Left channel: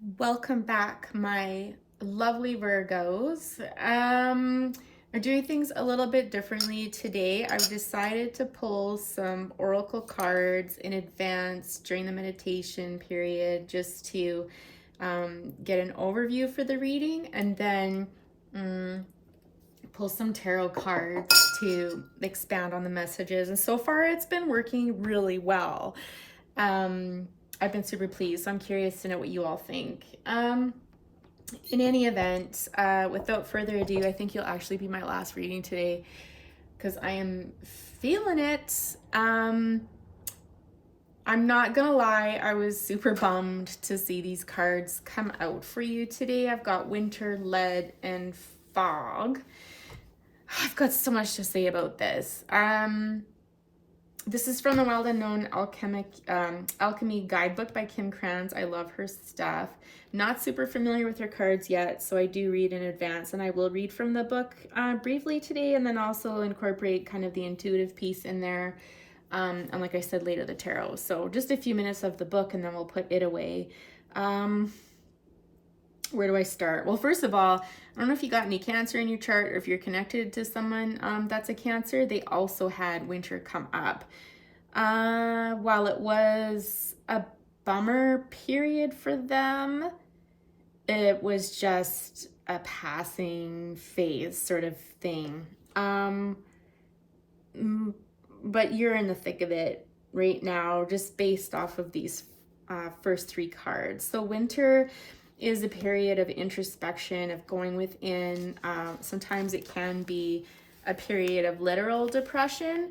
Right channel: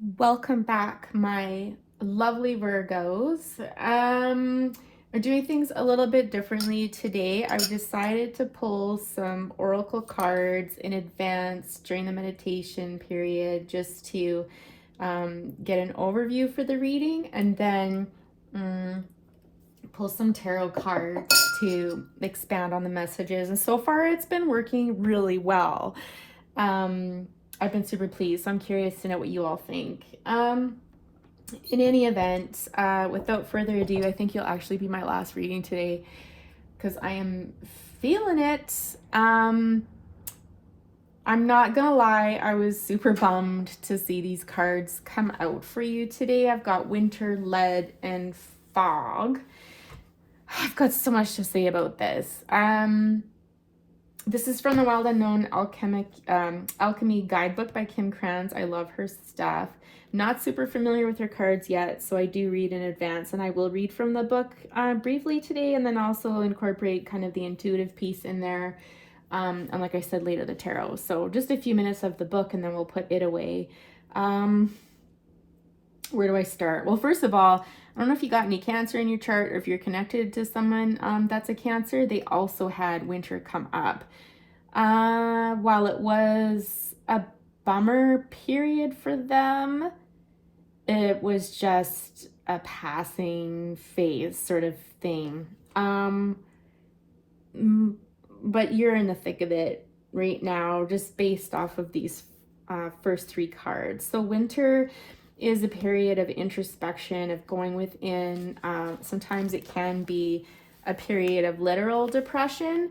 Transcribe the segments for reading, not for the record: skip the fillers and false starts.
Welcome back, my lovely Virgos. We're doing things a little bit differently today. I've decided to pull some oracle cards in advance during the meditation period just to get an overview for the reading, and then pull some tarot cards to expand on the messages. And so far, it's been working really well. I've been super pleased. So I'm curious to know what you all think. In any event, without further ado, I think you'll actually be my last reading today because I am feeling it. I'm not gonna lie, I was super bummed to see these cards come out for you today. I've got winter, lead, and fog. I've got so much to say about this. This is from the Wild Unknown Alchemy Guidebook by Kim Krans. I love her stuff. Not super familiar with her cards yet, so I do read in advance, and I will read from the book briefly today, and then also incorporate kind of the intuitive piece in there. And like I said, later the tarot. So just a few minutes of the book, and then we'll put it away. Where do I start? Well, first of all, I don't know if you got any Cancer in your chart or if you're connected to someone that's a Cancer. They also had winter come up. While it was a bummer period for them, it was just a passing phase sort of thing. But you're in the thick of it right now, just based off of these first three cards. So winter is a period of introspection, of going within. Sometimes it can be a period of literal depression.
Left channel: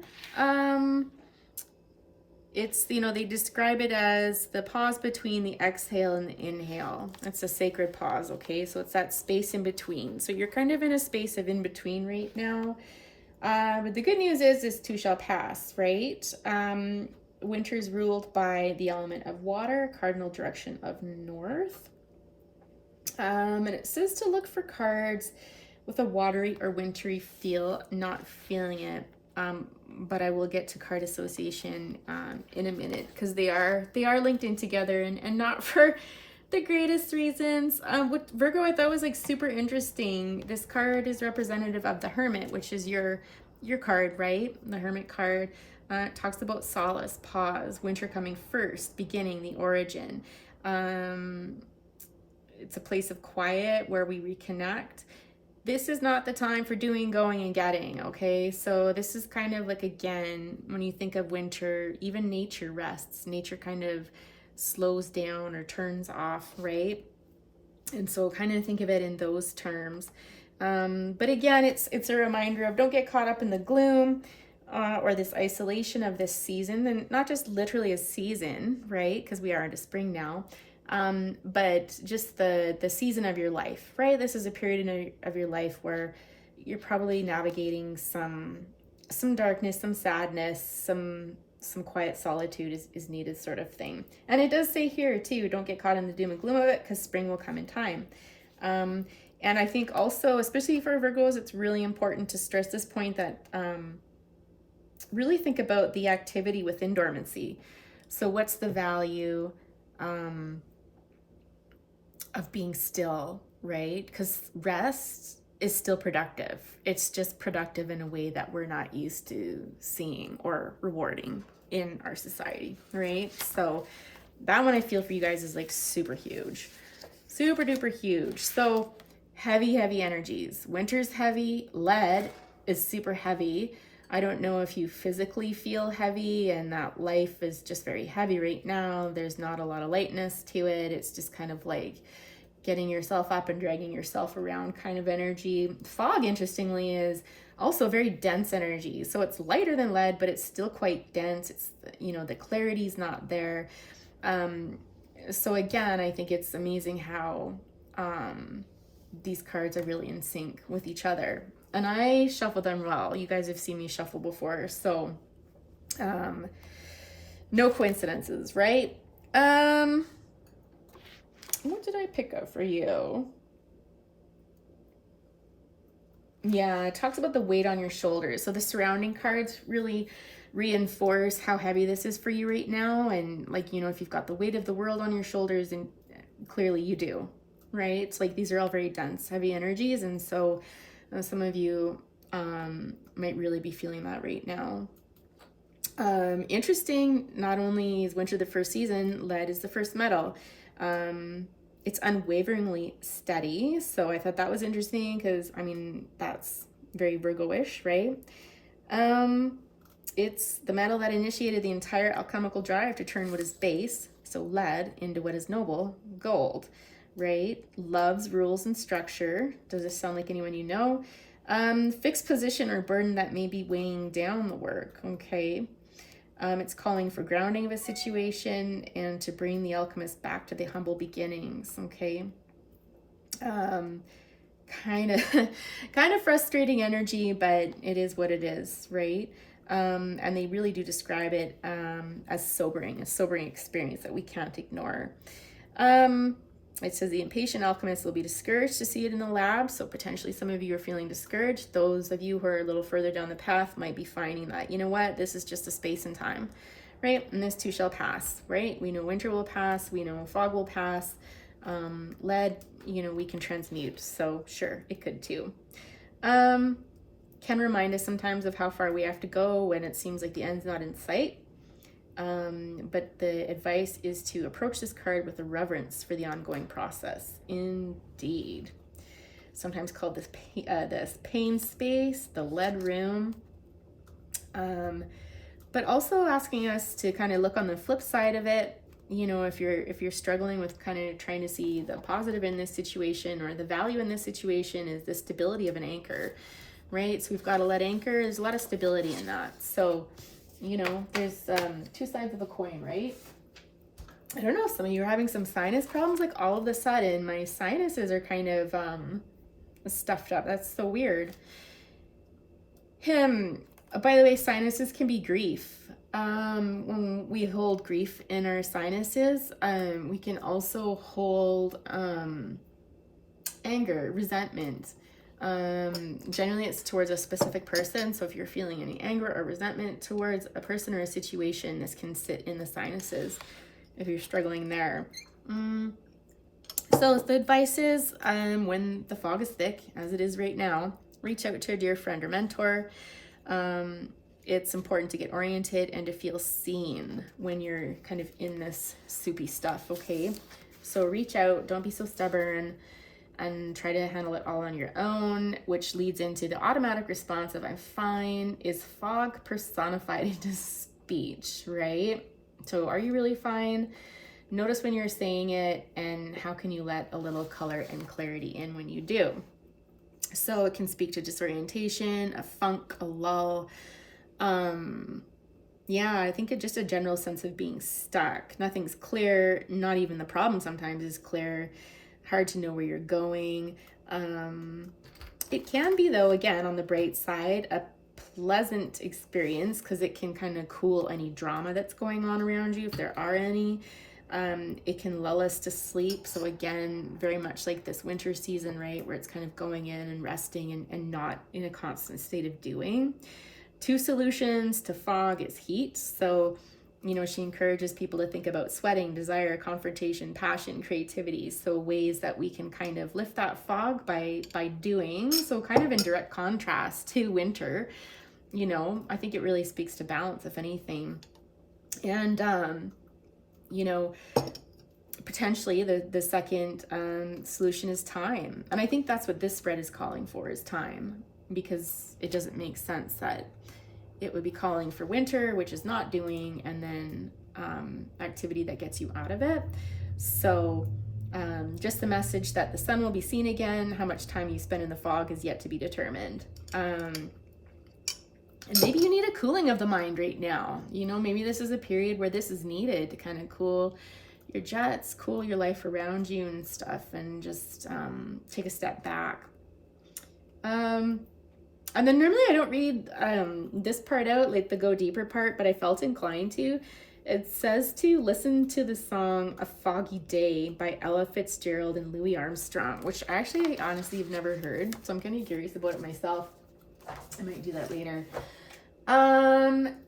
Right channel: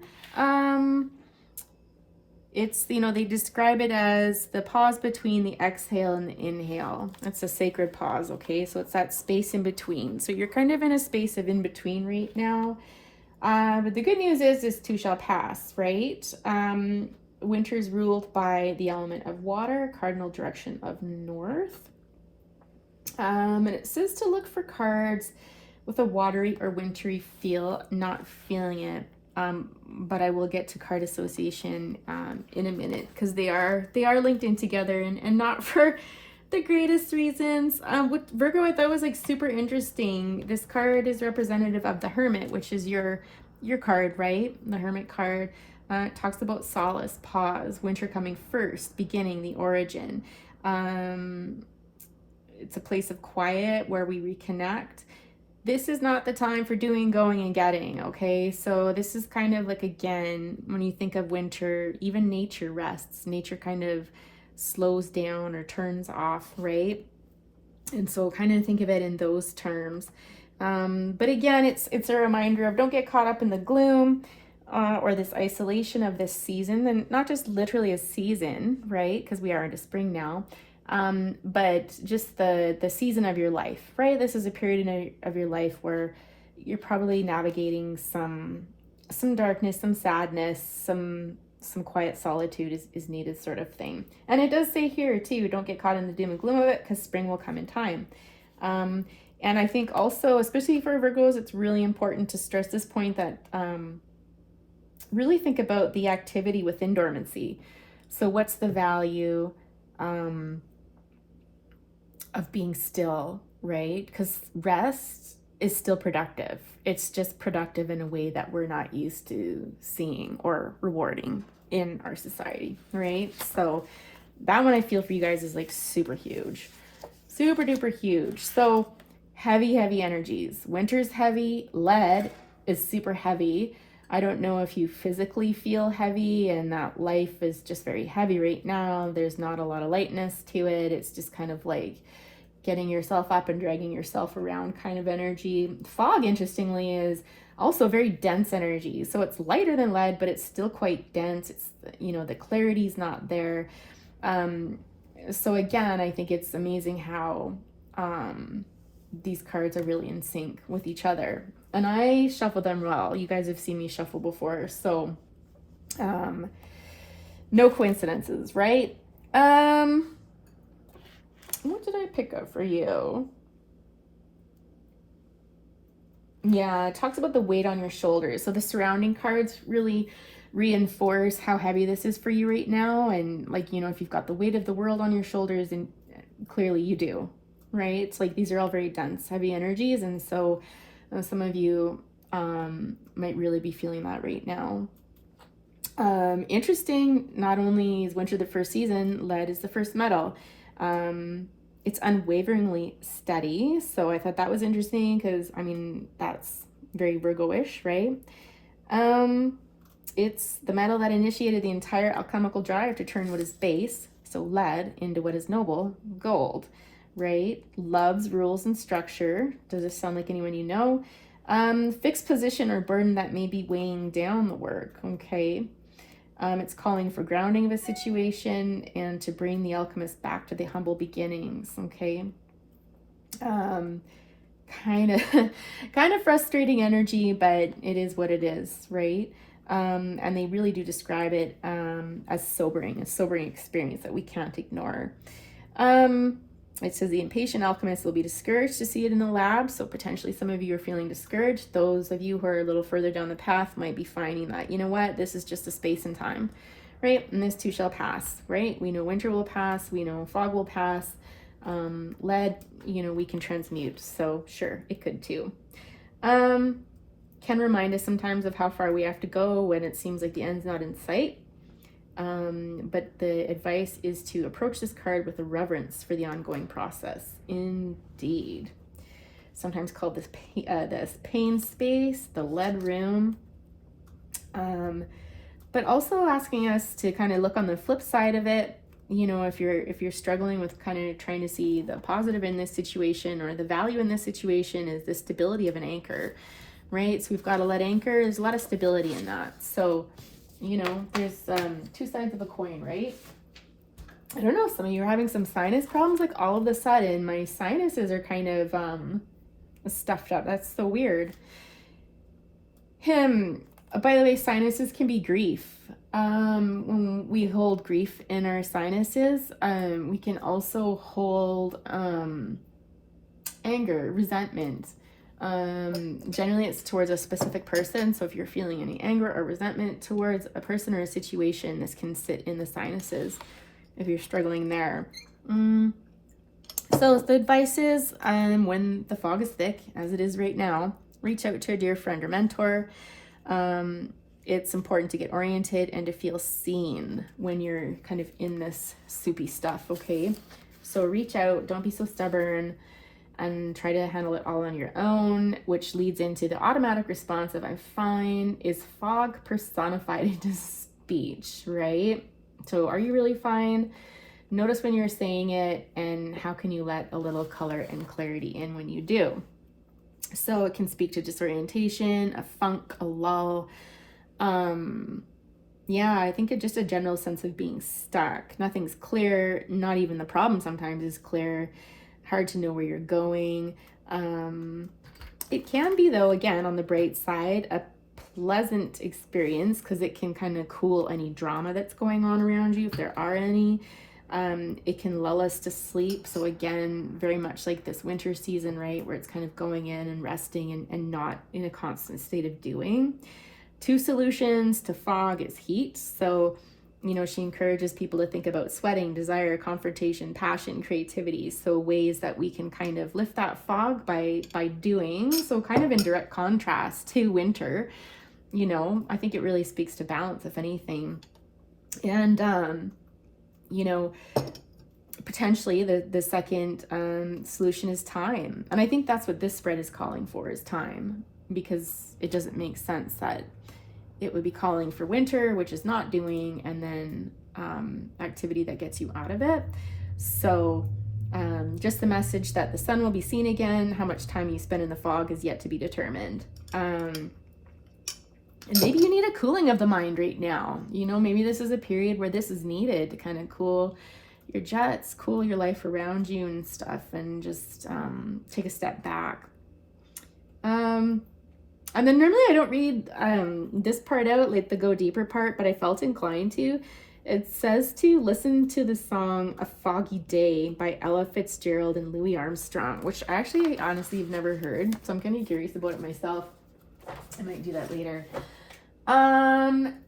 It's, they describe it as the pause between the exhale and the inhale. It's a sacred pause, okay? So it's that space in between. So you're kind of in a space of in between right now. But the good news is this too shall pass, right? Winter's ruled by the element of water, cardinal direction of north. And it says to look for cards with a watery or wintry feel, not feeling it. But I will get to card association in a minute, because they are linked in together, and not for the greatest reasons. With Virgo, I thought was like super interesting. This card is representative of the Hermit, which is your card, right? The Hermit card. It talks about solace, pause, winter coming first, beginning, the origin. It's a place of quiet where we reconnect. This is not the time for doing, going, and getting, okay? So this is kind of like, again, when you think of winter, even nature rests. Nature kind of slows down or turns off, right? And so kind of think of it in those terms. But again, it's a reminder of don't get caught up in the gloom or this isolation of this season, and not just literally a season, right? Because we are into spring now. But just the season of your life, right? This is a period of your life where you're probably navigating some darkness, some sadness, some quiet solitude is needed, sort of thing. And it does say here too, don't get caught in the doom and gloom of it, because spring will come in time. And I think also, especially for Virgos, it's really important to stress this point that really think about the activity within dormancy. So what's the value of being still, right? Because rest is still productive. It's just productive in a way that we're not used to seeing or rewarding in our society, right? So that one I feel for you guys is like super huge, super duper huge. So heavy energies. Winter's heavy. Lead is super heavy. I don't know if you physically feel heavy and that life is just very heavy right now. There's not a lot of lightness to it. It's just kind of like getting yourself up and dragging yourself around kind of energy. Fog, interestingly, is also very dense energy. So it's lighter than lead, but it's still quite dense. It's, the clarity's not there. So again, I think it's amazing how these cards are really in sync with each other. And I shuffle them well. You guys have seen me shuffle before, so no coincidences, right? What did I pick up for you? Yeah, it talks about the weight on your shoulders. So the surrounding cards really reinforce how heavy this is for you right now. And like, if you've got the weight of the world on your shoulders, and clearly you do, right? It's like these are all very dense, heavy energies. And so some of you might really be feeling that right now. Interesting, not only is winter the first season, lead is the first metal. It's unwaveringly steady. So I thought that was interesting because, I mean, that's very Virgo-ish, right? It's the metal that initiated the entire alchemical drive to turn what is base, so lead, into what is noble, gold, right? Loves rules and structure. Does this sound like anyone you know? Fixed position or burden that may be weighing down the work, okay? It's calling for grounding of a situation and to bring the alchemist back to the humble beginnings, okay? Kind of frustrating energy, but it is what it is, right? And they really do describe it as a sobering experience that we can't ignore. It says the impatient alchemist will be discouraged to see it in the lab. So potentially some of you are feeling discouraged. Those of you who are a little further down the path might be finding that, you know what, this is just a space and time, right? And this too shall pass, right? We know winter will pass. We know fog will pass. Lead, you know, we can transmute. So sure, it could too. Can remind us sometimes of how far we have to go when it seems like the end's not in sight. But the advice is to approach this card with a reverence for the ongoing process. Indeed. Sometimes called this pain space, the lead room. But also asking us to kind of look on the flip side of it. You know, if you're struggling with kind of trying to see the positive in this situation or the value in this situation, is the stability of an anchor, right? So we've got a lead anchor. There's a lot of stability in that. So, you know, there's two sides of a coin, right? I don't know, some of you are having some sinus problems. Like all of a sudden, my sinuses are kind of stuffed up. That's so weird. By the way, sinuses can be grief. When we hold grief in our sinuses, we can also hold anger, resentment. Generally it's towards a specific person. So if you're feeling any anger or resentment towards a person or a situation, this can sit in the sinuses if you're struggling there. So the advice is, when the fog is thick, as it is right now, reach out to a dear friend or mentor. It's important to get oriented and to feel seen when you're kind of in this soupy stuff, okay? So reach out, don't be so stubborn, and try to handle it all on your own, which leads into the automatic response of I'm fine is fog personified into speech, right? So are you really fine? Notice when you're saying it, and how can you let a little color and clarity in when you do? So it can speak to disorientation, a funk, a lull. Yeah, I think it's just a general sense of being stuck. Nothing's clear. Not even the problem sometimes is clear. Hard to know where you're going. It can be, though, again, on the bright side, a pleasant experience because it can kind of cool any drama that's going on around you, if there are any. It can lull us to sleep. So again, very much like this winter season, right, where it's kind of going in and resting and not in a constant state of doing. Two solutions to fog is heat. So, you know, she encourages people to think about sweating, desire, confrontation, passion, creativity. So ways that we can kind of lift that fog by doing. So kind of in direct contrast to winter, you know, I think it really speaks to balance, if anything. And, you know, potentially the second solution is time. And I think that's what this spread is calling for, is time, because it doesn't make sense that it would be calling for winter, which is not doing, and then activity that gets you out of it. So just the message that the sun will be seen again. How much time you spend in the fog is yet to be determined. And maybe you need a cooling of the mind right now. You know, maybe this is a period where this is needed to kind of cool your jets, cool your life around you and stuff, and just take a step back. And then normally I don't read this part out, like the go deeper part, but I felt inclined to. It says to listen to the song A Foggy Day by Ella Fitzgerald and Louis Armstrong, which I actually honestly have never heard. So I'm kind of curious about it myself. I might do that later.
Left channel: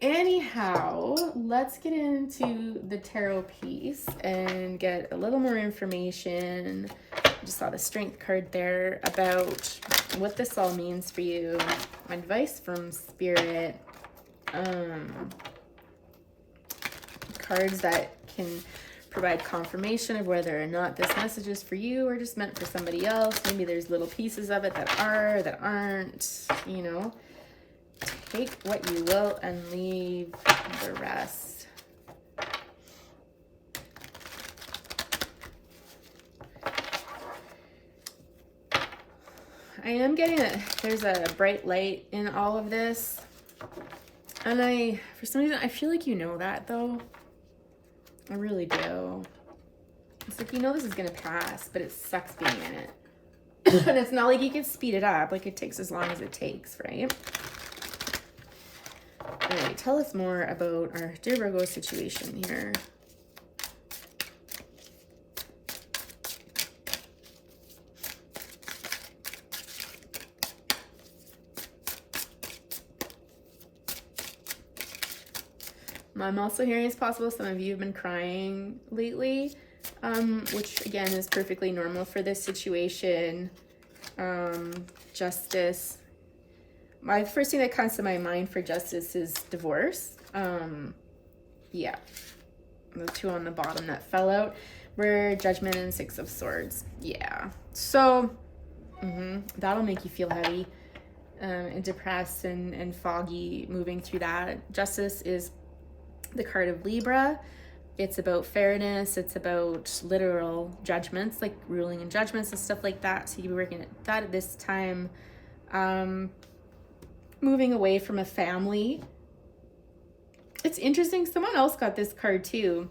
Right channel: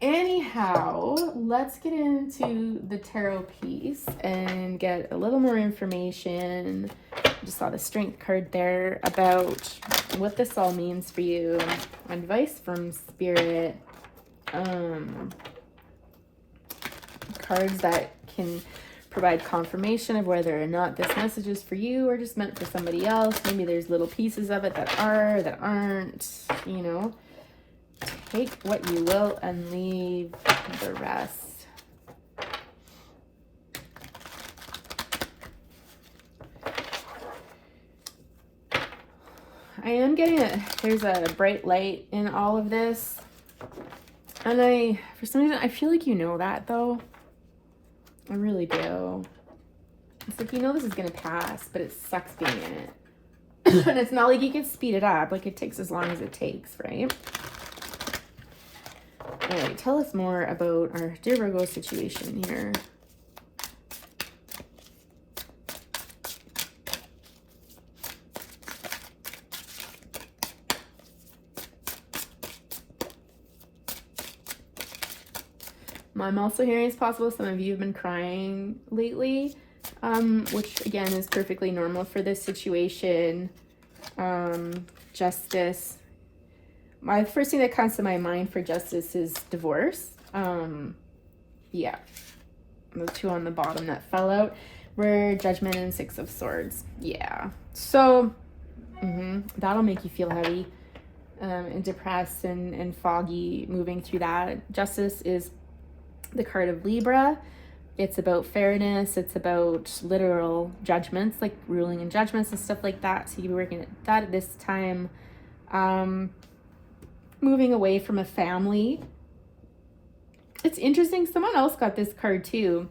Anyhow, let's get into the tarot piece and get a little more information. I just saw the Strength card there about what this all means for you. Advice from Spirit. Cards that can provide confirmation of whether or not this message is for you or just meant for somebody else. Maybe there's little pieces of it that are, that aren't, you know. Take what you will and leave the rest. I am getting there's a bright light in all of this. And for some reason, I feel like you know that though. I really do. It's like, you know this is going to pass, but it sucks being in it. And it's not like you can speed it up. Like, it takes as long as it takes, right? All right, tell us more about our dear Virgo situation here. I'm also hearing it's possible some of you have been crying lately, which again is perfectly normal for this situation. Justice. My first thing that comes to my mind for justice is divorce. Yeah. The two on the bottom that fell out were Judgment and Six of Swords. Yeah. So, that'll make you feel heavy and depressed and foggy moving through that. Justice is the card of Libra. It's about fairness. It's about literal judgments, like ruling and judgments and stuff like that. So you're working at that at this time. Moving away from a family. It's interesting. Someone else got this card too.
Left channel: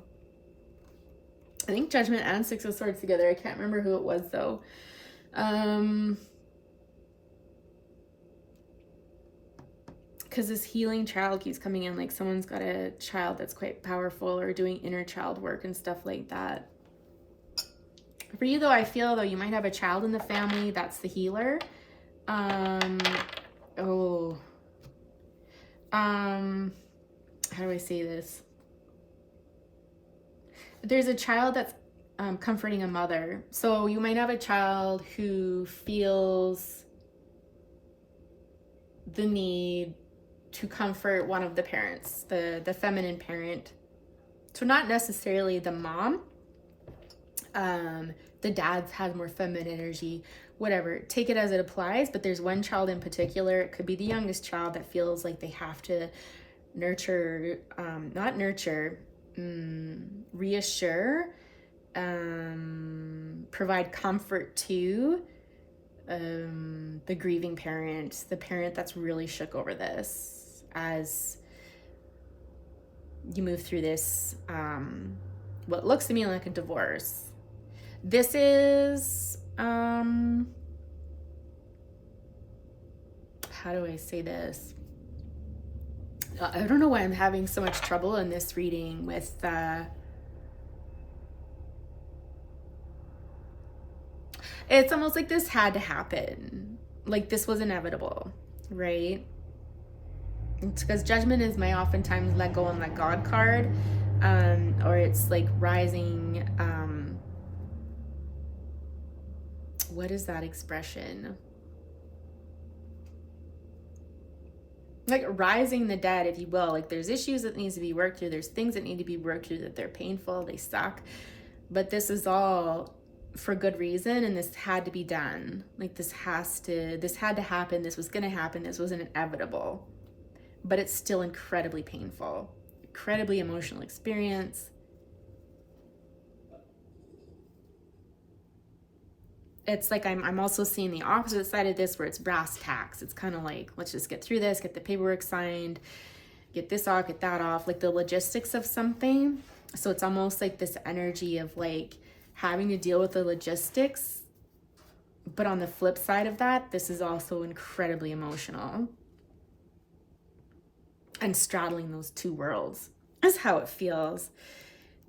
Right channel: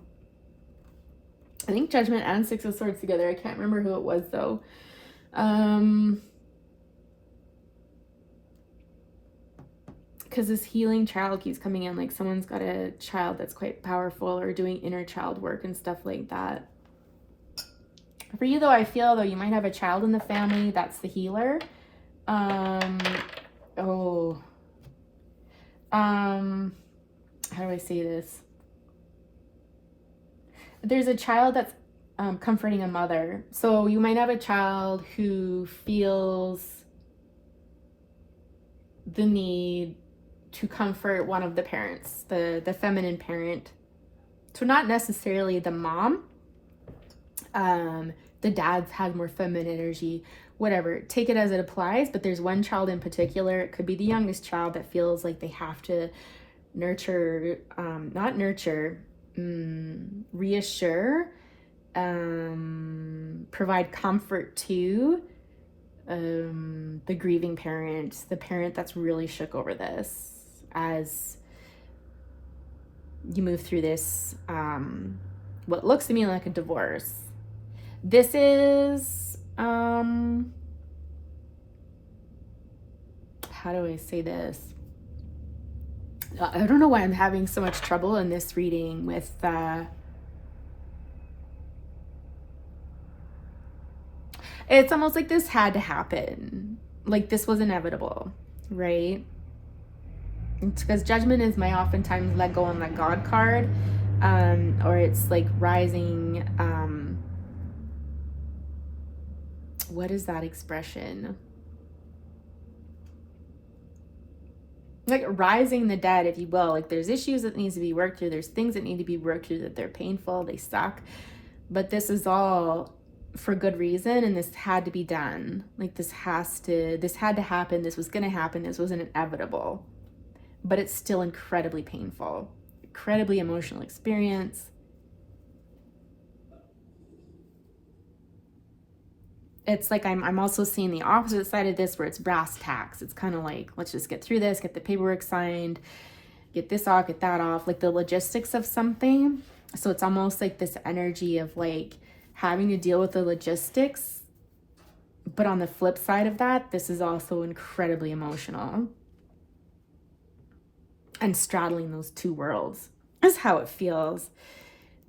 I think Judgment and Six of Swords together. I can't remember who it was though. Because this healing child keeps coming in, like someone's got a child that's quite powerful or doing inner child work and stuff like that. For you though, I feel though you might have a child in the family that's the healer. How do I say this? There's a child that's comforting a mother. So you might have a child who feels the need to comfort one of the parents, the feminine parent. So not necessarily the mom. The dads have more feminine energy, whatever. Take it as it applies, but there's one child in particular, it could be the youngest child, that feels like they have to nurture, reassure, provide comfort to the grieving parent, the parent that's really shook over this as you move through this, what looks to me like a divorce. This is, how do I say this? I don't know why I'm having so much trouble in this reading with, it's almost like this had to happen. Like this was inevitable, right? It's because Judgment is my oftentimes let go and let God card. Or it's like rising, what is that expression? Like rising the dead, if you will. Like there's issues that needs to be worked through. There's things that need to be worked through that they're painful, they suck. But this is all for good reason, and this had to be done. Like this had to happen. This was gonna happen. This wasn't inevitable. But it's still incredibly painful. Incredibly emotional experience. It's like I'm also seeing the opposite side of this where it's brass tacks. It's kind of like, let's just get through this, get the paperwork signed, get this off, get that off, like the logistics of something. So it's almost like this energy of like having to deal with the logistics. But on the flip side of that, this is also incredibly emotional. And straddling those two worlds is how it feels.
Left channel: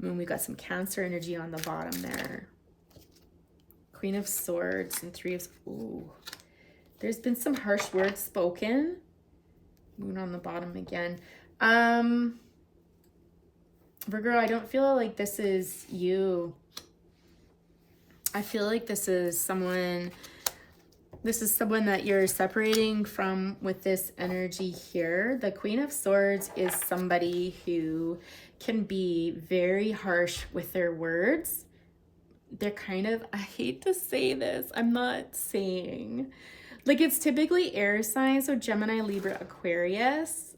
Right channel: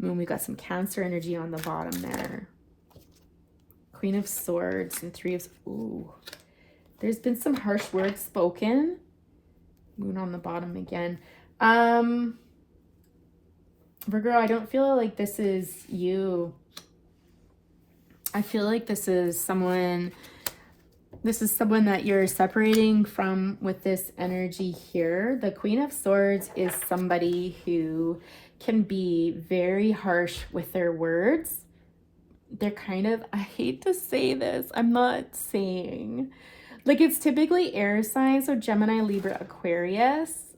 I mean, we got some Cancer energy on the bottom there. Queen of Swords and Three of... Ooh. There's been some harsh words spoken. Moon on the bottom again. Virgo, I don't feel like this is you. I feel like this is someone that you're separating from with this energy here. The Queen of Swords is somebody who can be very harsh with their words. They're kind of, I hate to say this, I'm not saying, like, it's typically air signs, so Gemini, Libra, Aquarius,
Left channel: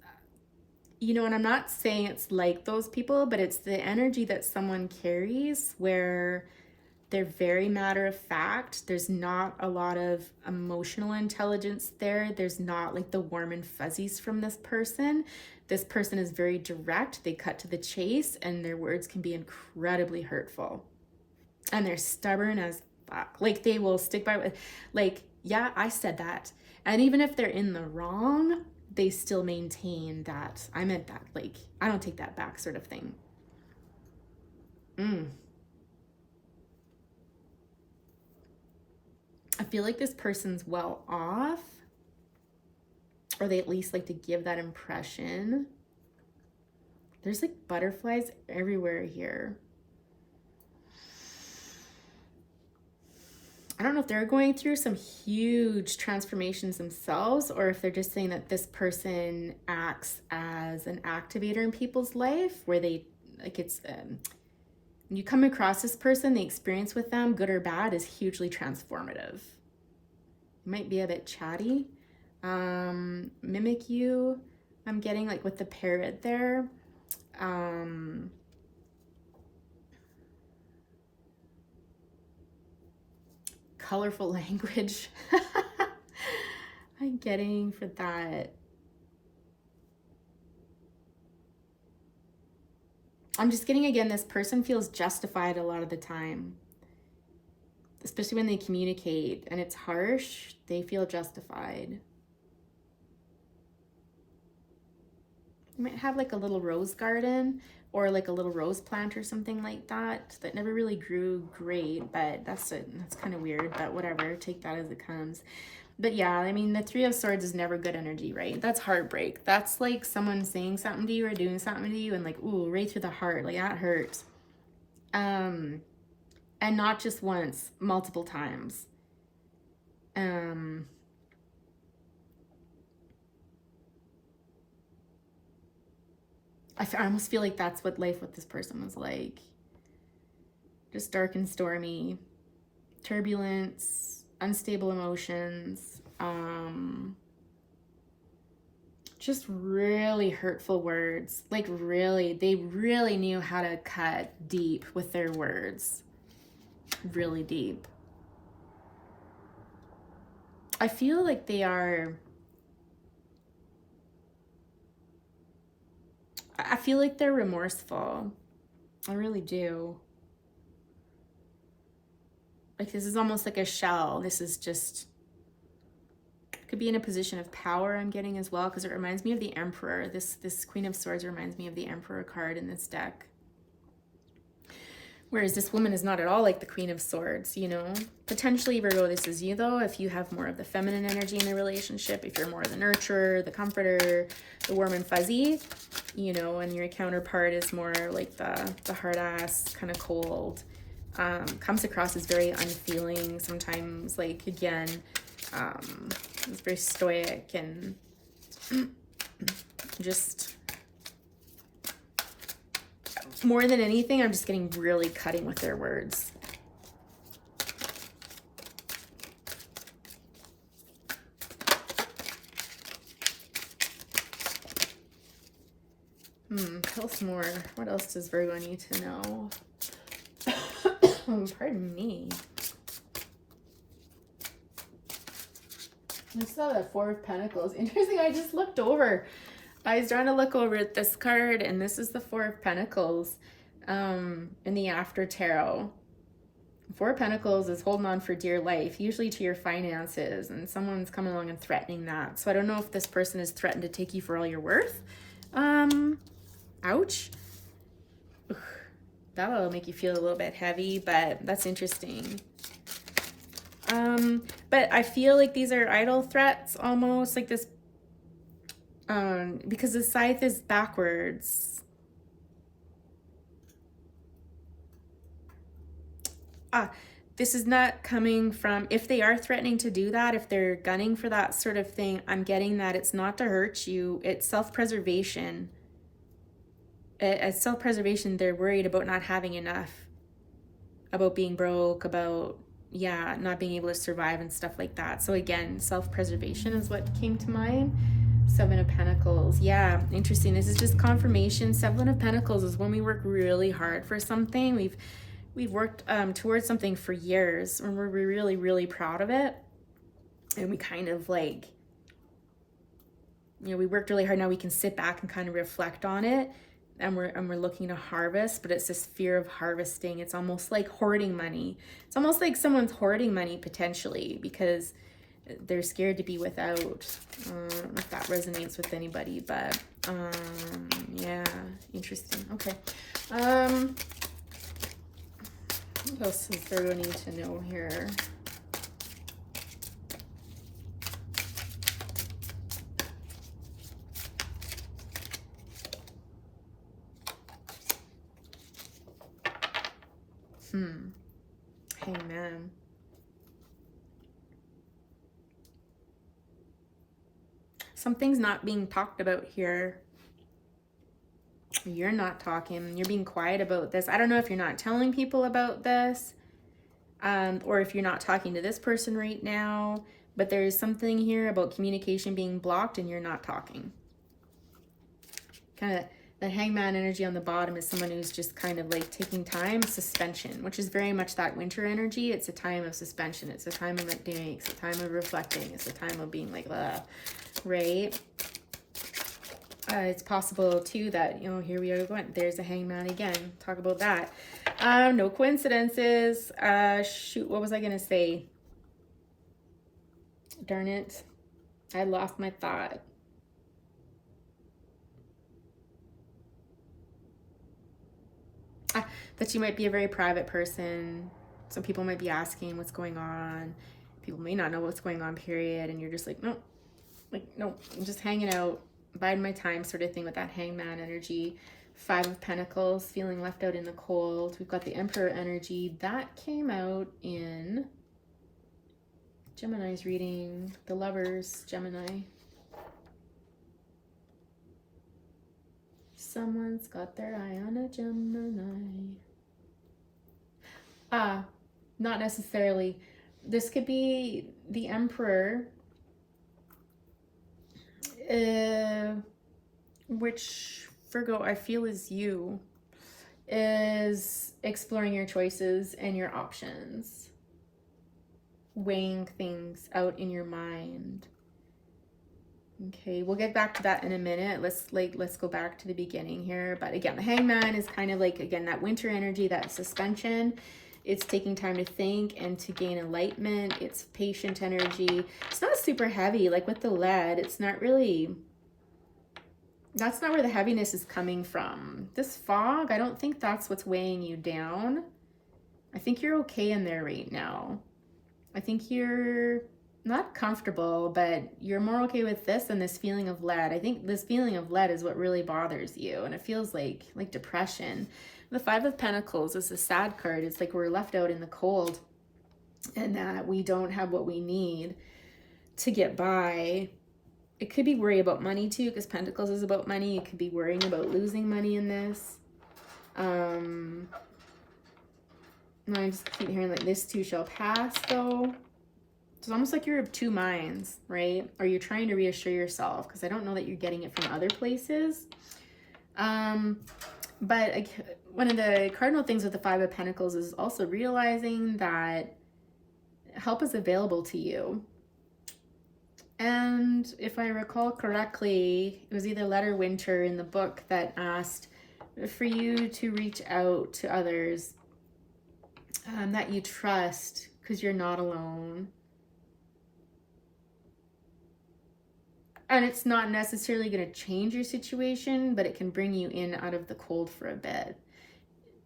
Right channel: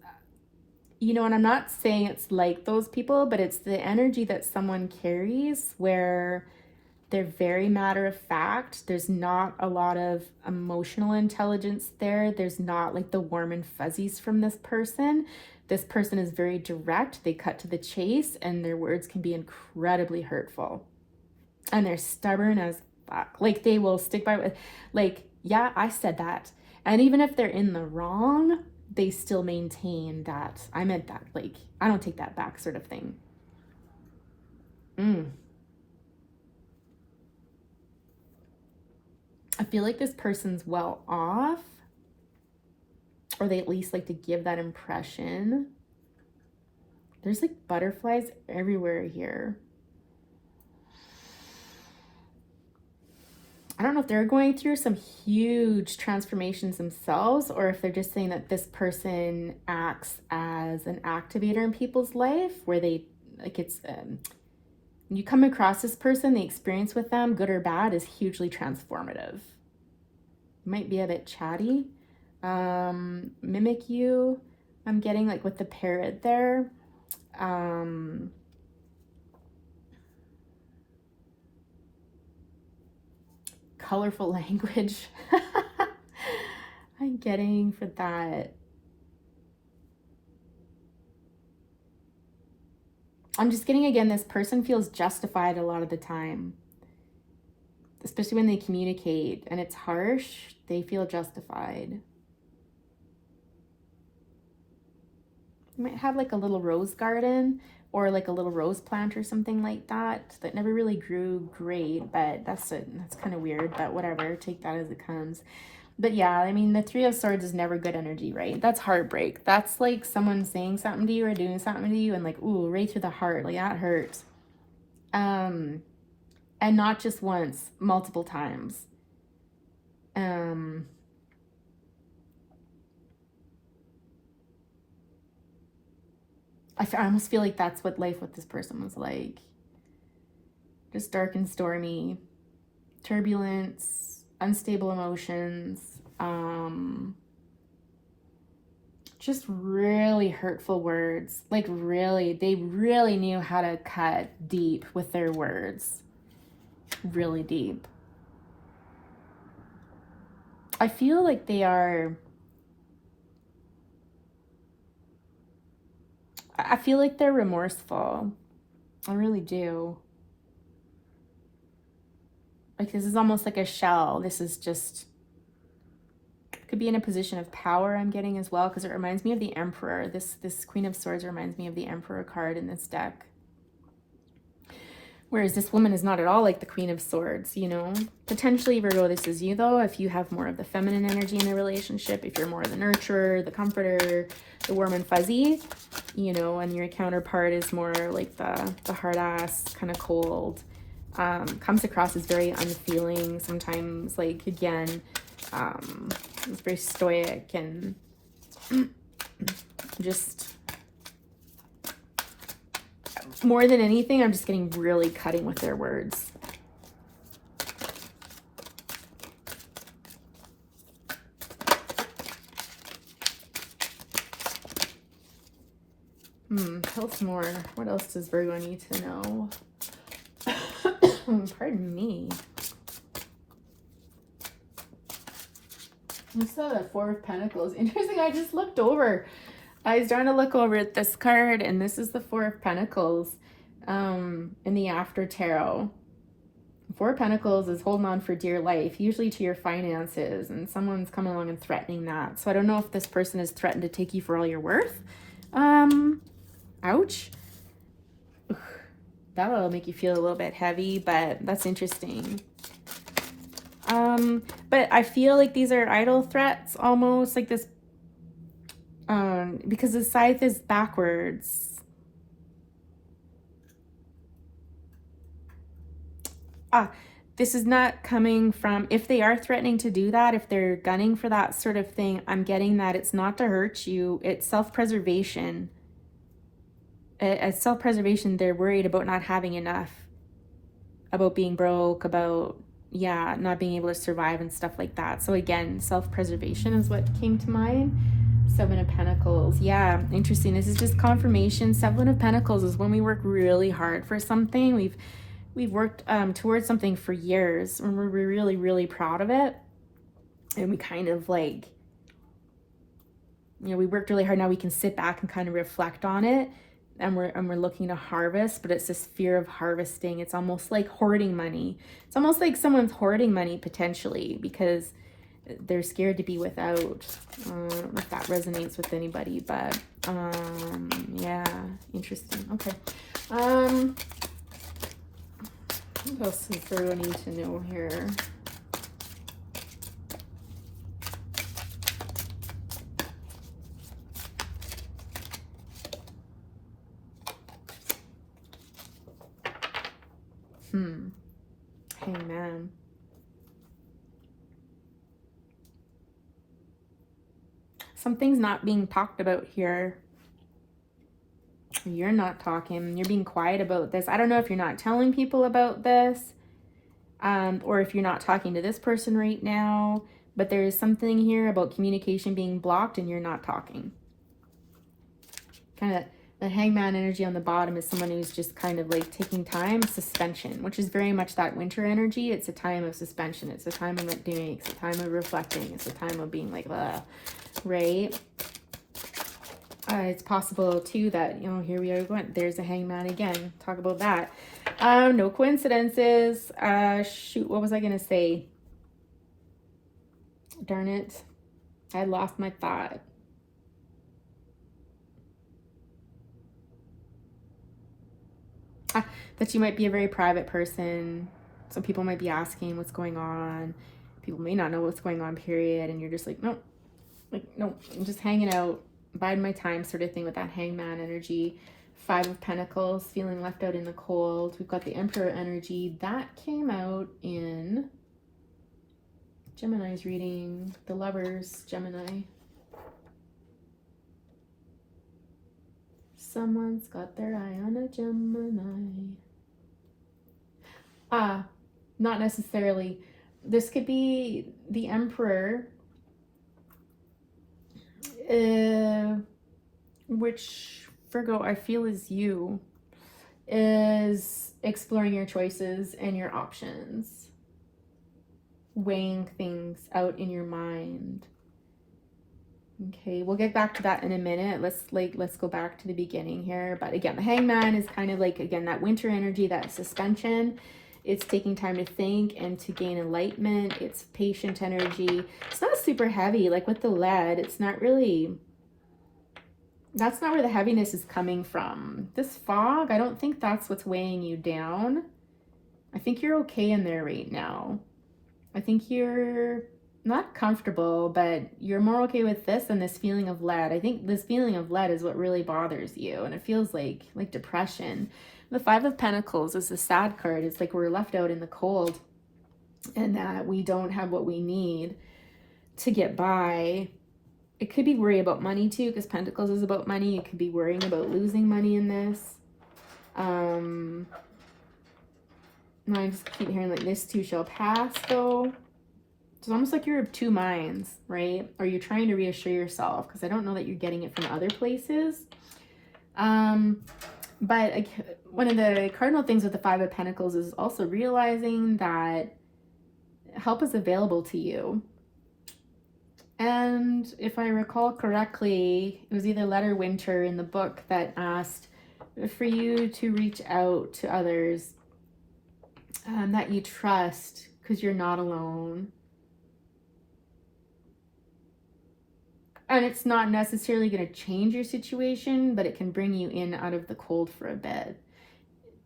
you know, and I'm not saying it's like those people, but it's the energy that someone carries where they're very matter of fact. There's not a lot of emotional intelligence there. There's not like the warm and fuzzies from this person. This person is very direct. They cut to the chase, and their words can be incredibly hurtful. And they're stubborn as fuck. Like, they will stick by it. Like, yeah, I said that. And even if they're in the wrong, they still maintain that I meant that. Like, I don't take that back, sort of thing. I feel like this person's well off, or they at least like to give that impression. There's like butterflies everywhere here. I don't know if they're going through some huge transformations themselves, or if they're just saying that this person acts as an activator in people's life, where they, like, it's, you come across this person, the experience with them, good or bad, is hugely transformative. Might be a bit chatty. Mimic you, I'm getting, like, with the parrot there. Colorful language. I'm getting for that. I'm just getting, again, this person feels justified a lot of the time, especially when they communicate and it's harsh. They feel justified. You might have like a little rose garden or like a little rose plant or something like that that never really grew great, but that's kind of weird, but whatever, take that as it comes. But yeah, I mean, the Three of Swords is never good energy, right? That's heartbreak. That's like someone saying something to you or doing something to you and like, ooh, right through the heart. Like, that hurts. And not just once, multiple times. I almost feel like that's what life with this person was like. Just dark and stormy, turbulence, unstable emotions, just really hurtful words. Like, really, they really knew how to cut deep with their words. Really deep. I feel like they are... I feel like they're remorseful. I really do. Like, this is almost like a shell. This is just... could be in a position of power, I'm getting as well, because it reminds me of the Emperor. This Queen of Swords reminds me of the Emperor card in this deck. Whereas this woman is not at all like the Queen of Swords, you know? Potentially, Virgo, this is you, though, if you have more of the feminine energy in the relationship, if you're more the nurturer, the comforter, the warm and fuzzy, you know, and your counterpart is more like the hard-ass, kind of cold, comes across as very unfeeling, sometimes, like, again, it's very stoic and just... more than anything, I'm just getting really cutting with their words. Tell us more. What else does Virgo need to know? Pardon me. I saw the Four of Pentacles. Interesting, I just looked over. I was starting to look over at this card, and this is the Four of Pentacles in the After Tarot. Four of Pentacles is holding on for dear life, usually to your finances, and someone's coming along and threatening that. So I don't know if this person has threatened to take you for all you're worth. Ouch. Ugh. That'll make you feel a little bit heavy, but that's interesting. But I feel like these are idle threats almost, like this. Because the scythe is backwards. This is not coming from, if they are threatening to do that, if they're gunning for that sort of thing, I'm getting that it's not to hurt you, it's self-preservation. As self-preservation, they're worried about not having enough, about being broke, about, yeah, not being able to survive and stuff like that. So again, self-preservation is what came to mind. Seven of Pentacles. Yeah, interesting. This is just confirmation. Seven of Pentacles is when we work really hard for something. We've worked towards something for years, and we're really, really proud of it. And we kind of like, we worked really hard. Now we can sit back and kind of reflect on it, and we're looking to harvest, but it's this fear of harvesting. It's almost like hoarding money. It's almost like someone's hoarding money potentially because they're scared to be without. I don't know if that resonates with anybody, but yeah, interesting. Okay. What else is there I need to know here? Amen. Something's not being talked about here. You're not talking. You're being quiet about this. I don't know if you're not telling people about this, or if you're not talking to this person right now, but there's something here about communication being blocked and you're not talking. Kind of the hangman energy on the bottom is someone who's just kind of like taking time, suspension, which is very much that winter energy. It's a time of suspension. It's a time of not doing. It's a time of reflecting. It's a time of being like, right? It's possible too that, here we are going, there's a hangman again. Talk about that. No coincidences. Shoot, what was I going to say? Darn it. I lost my thought. That you might be a very private person. Some people might be asking what's going on. People may not know what's going on, period. And you're just like, nope. Like, nope. I'm just hanging out, biding my time sort of thing with that hangman energy. Five of Pentacles, feeling left out in the cold. We've got the Emperor energy. That came out in Gemini's reading. The Lovers, Gemini. Someone's got their eye on a Gemini. Not necessarily. This could be the Emperor, which Virgo I feel is you, is exploring your choices and your options, weighing things out in your mind. Okay, we'll get back to that in a minute. Let's go back to the beginning here. But again, the hangman is kind of like, again, that winter energy, that suspension. It's taking time to think and to gain enlightenment. It's patient energy. It's not super heavy, like with the lead. It's not really, that's not where the heaviness is coming from. This fog, I don't think that's what's weighing you down. I think you're okay in there right now. I think you're not comfortable, but you're more okay with this than this feeling of lead. I think this feeling of lead is what really bothers you, and it feels like depression. The Five of Pentacles is a sad card. It's like we're left out in the cold and that we don't have what we need to get by. It could be worry about money too, because Pentacles is about money. You could be worrying about losing money in this. I just keep hearing like this too shall pass though. It's almost like you're of two minds, right? Or you're trying to reassure yourself, because I don't know that you're getting it from other places. But one of the cardinal things with the Five of Pentacles is also realizing that help is available to you. And if I recall correctly, it was either Letter Winter in the book that asked for you to reach out to others that you trust, because you're not alone. And it's not necessarily going to change your situation, but it can bring you in out of the cold for a bit.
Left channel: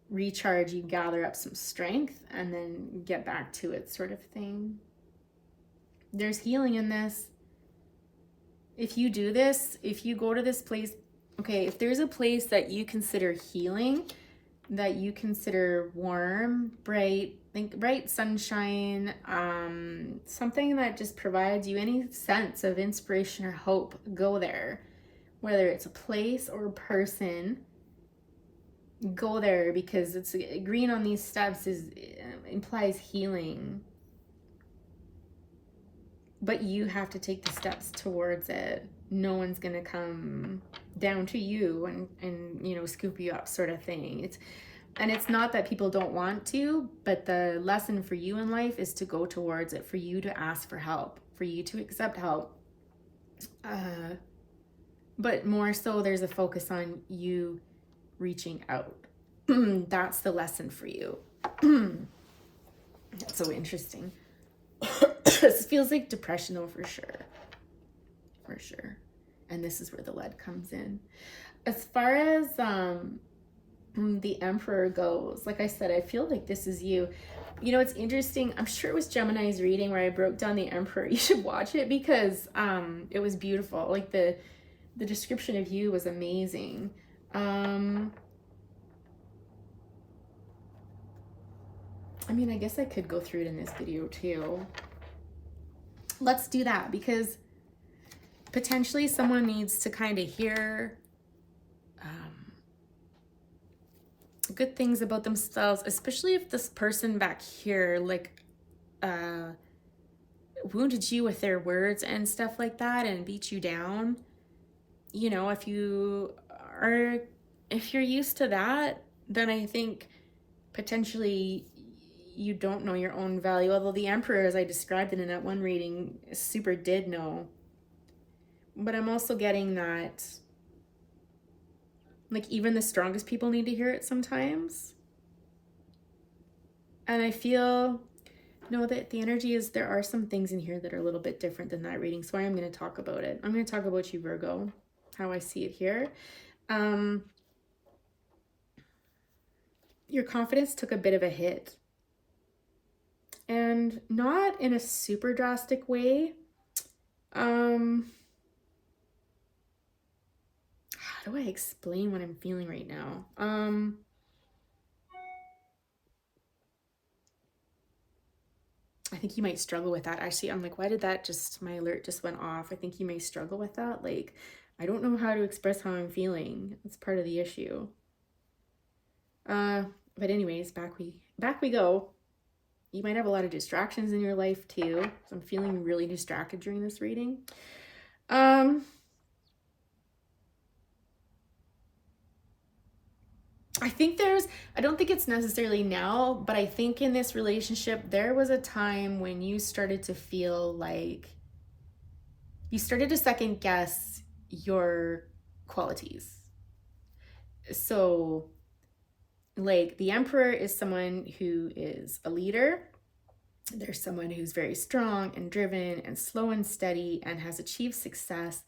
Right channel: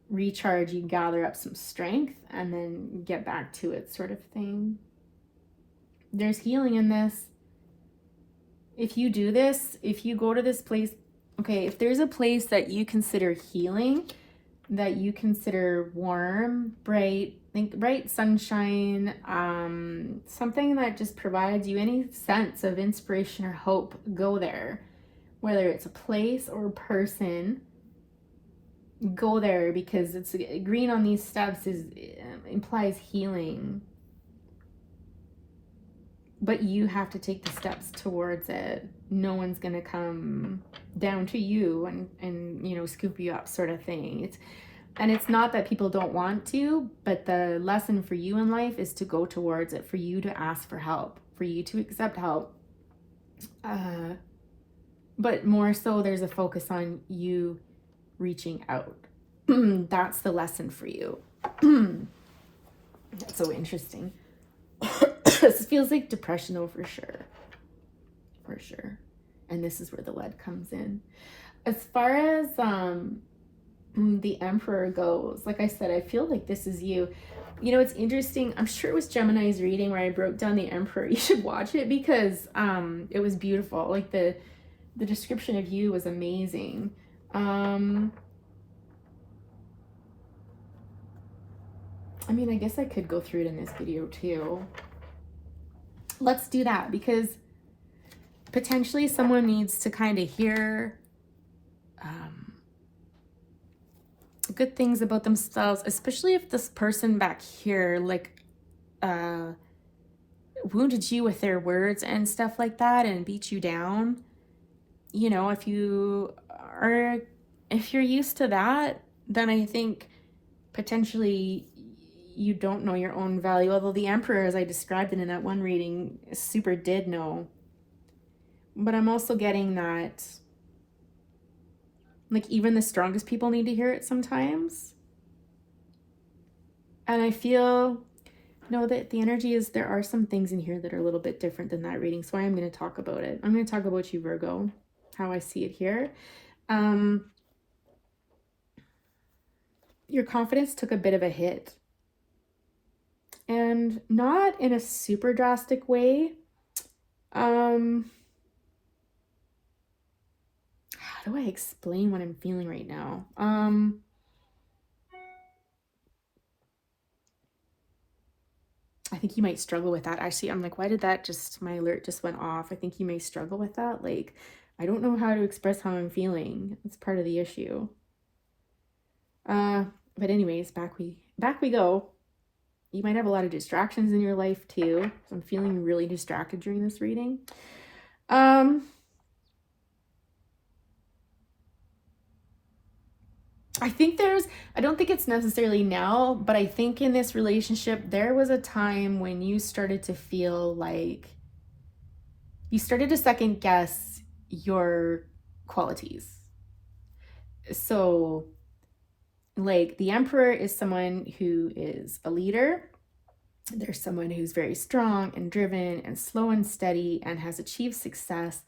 Recharge, you gather up some strength, and then get back to it sort of thing. There's healing in this. if you do this, if you go to this place, okay, if there's a place that you consider healing, that you consider warm, bright, like bright sunshine, something that just provides you any sense of inspiration or hope, go there. Whether it's a place or a person, go there, because it's green on these steps is implies healing. But you have to take the steps towards it. No one's gonna come down to you and you know, scoop you up, sort of thing. It's not that people don't want to, but the lesson for you in life is to go towards it, for you to ask for help, for you to accept help. But more so, there's a focus on you reaching out. That's the lesson for you. That's so interesting. This feels like depression though, for sure. For sure. And this is where the lead comes in. As far as the Emperor goes, like I said, I feel like this is you. You know, it's interesting. I'm sure it was Gemini's reading where I broke down the Emperor. You should watch it because it was beautiful. Like the description of you was amazing. I mean, I guess I could go through it in this video too. Let's do that, because potentially someone needs to kind of hear good things about themselves, especially if this person back here like wounded you with their words and stuff like that and beat you down. You know, if you're used to that, then I think potentially you don't know your own value. Although the Emperor, as I described it in that one reading, super did know. But I'm also getting that, like, even the strongest people need to hear it sometimes. And I feel, no, that the energy is, there are some things in here that are a little bit different than that reading. So I am going to talk about it. I'm going to talk about you, Virgo, how I see it here. Your confidence took a bit of a hit. And not in a super drastic way. How do I explain what I'm feeling right now? I think you might struggle with that. Actually, I'm like, why did that just, my alert just went off. I think you may struggle with that. Like, I don't know how to express how I'm feeling. It's part of the issue. But anyways, back we go. You might have a lot of distractions in your life too. So I'm feeling really distracted during this reading. I think I don't think it's necessarily now, but I think in this relationship, there was a time when you started to feel like you started to second guess your qualities. So, like, the Emperor is someone who is a leader. There's someone who's very strong and driven and slow and steady and has achieved success,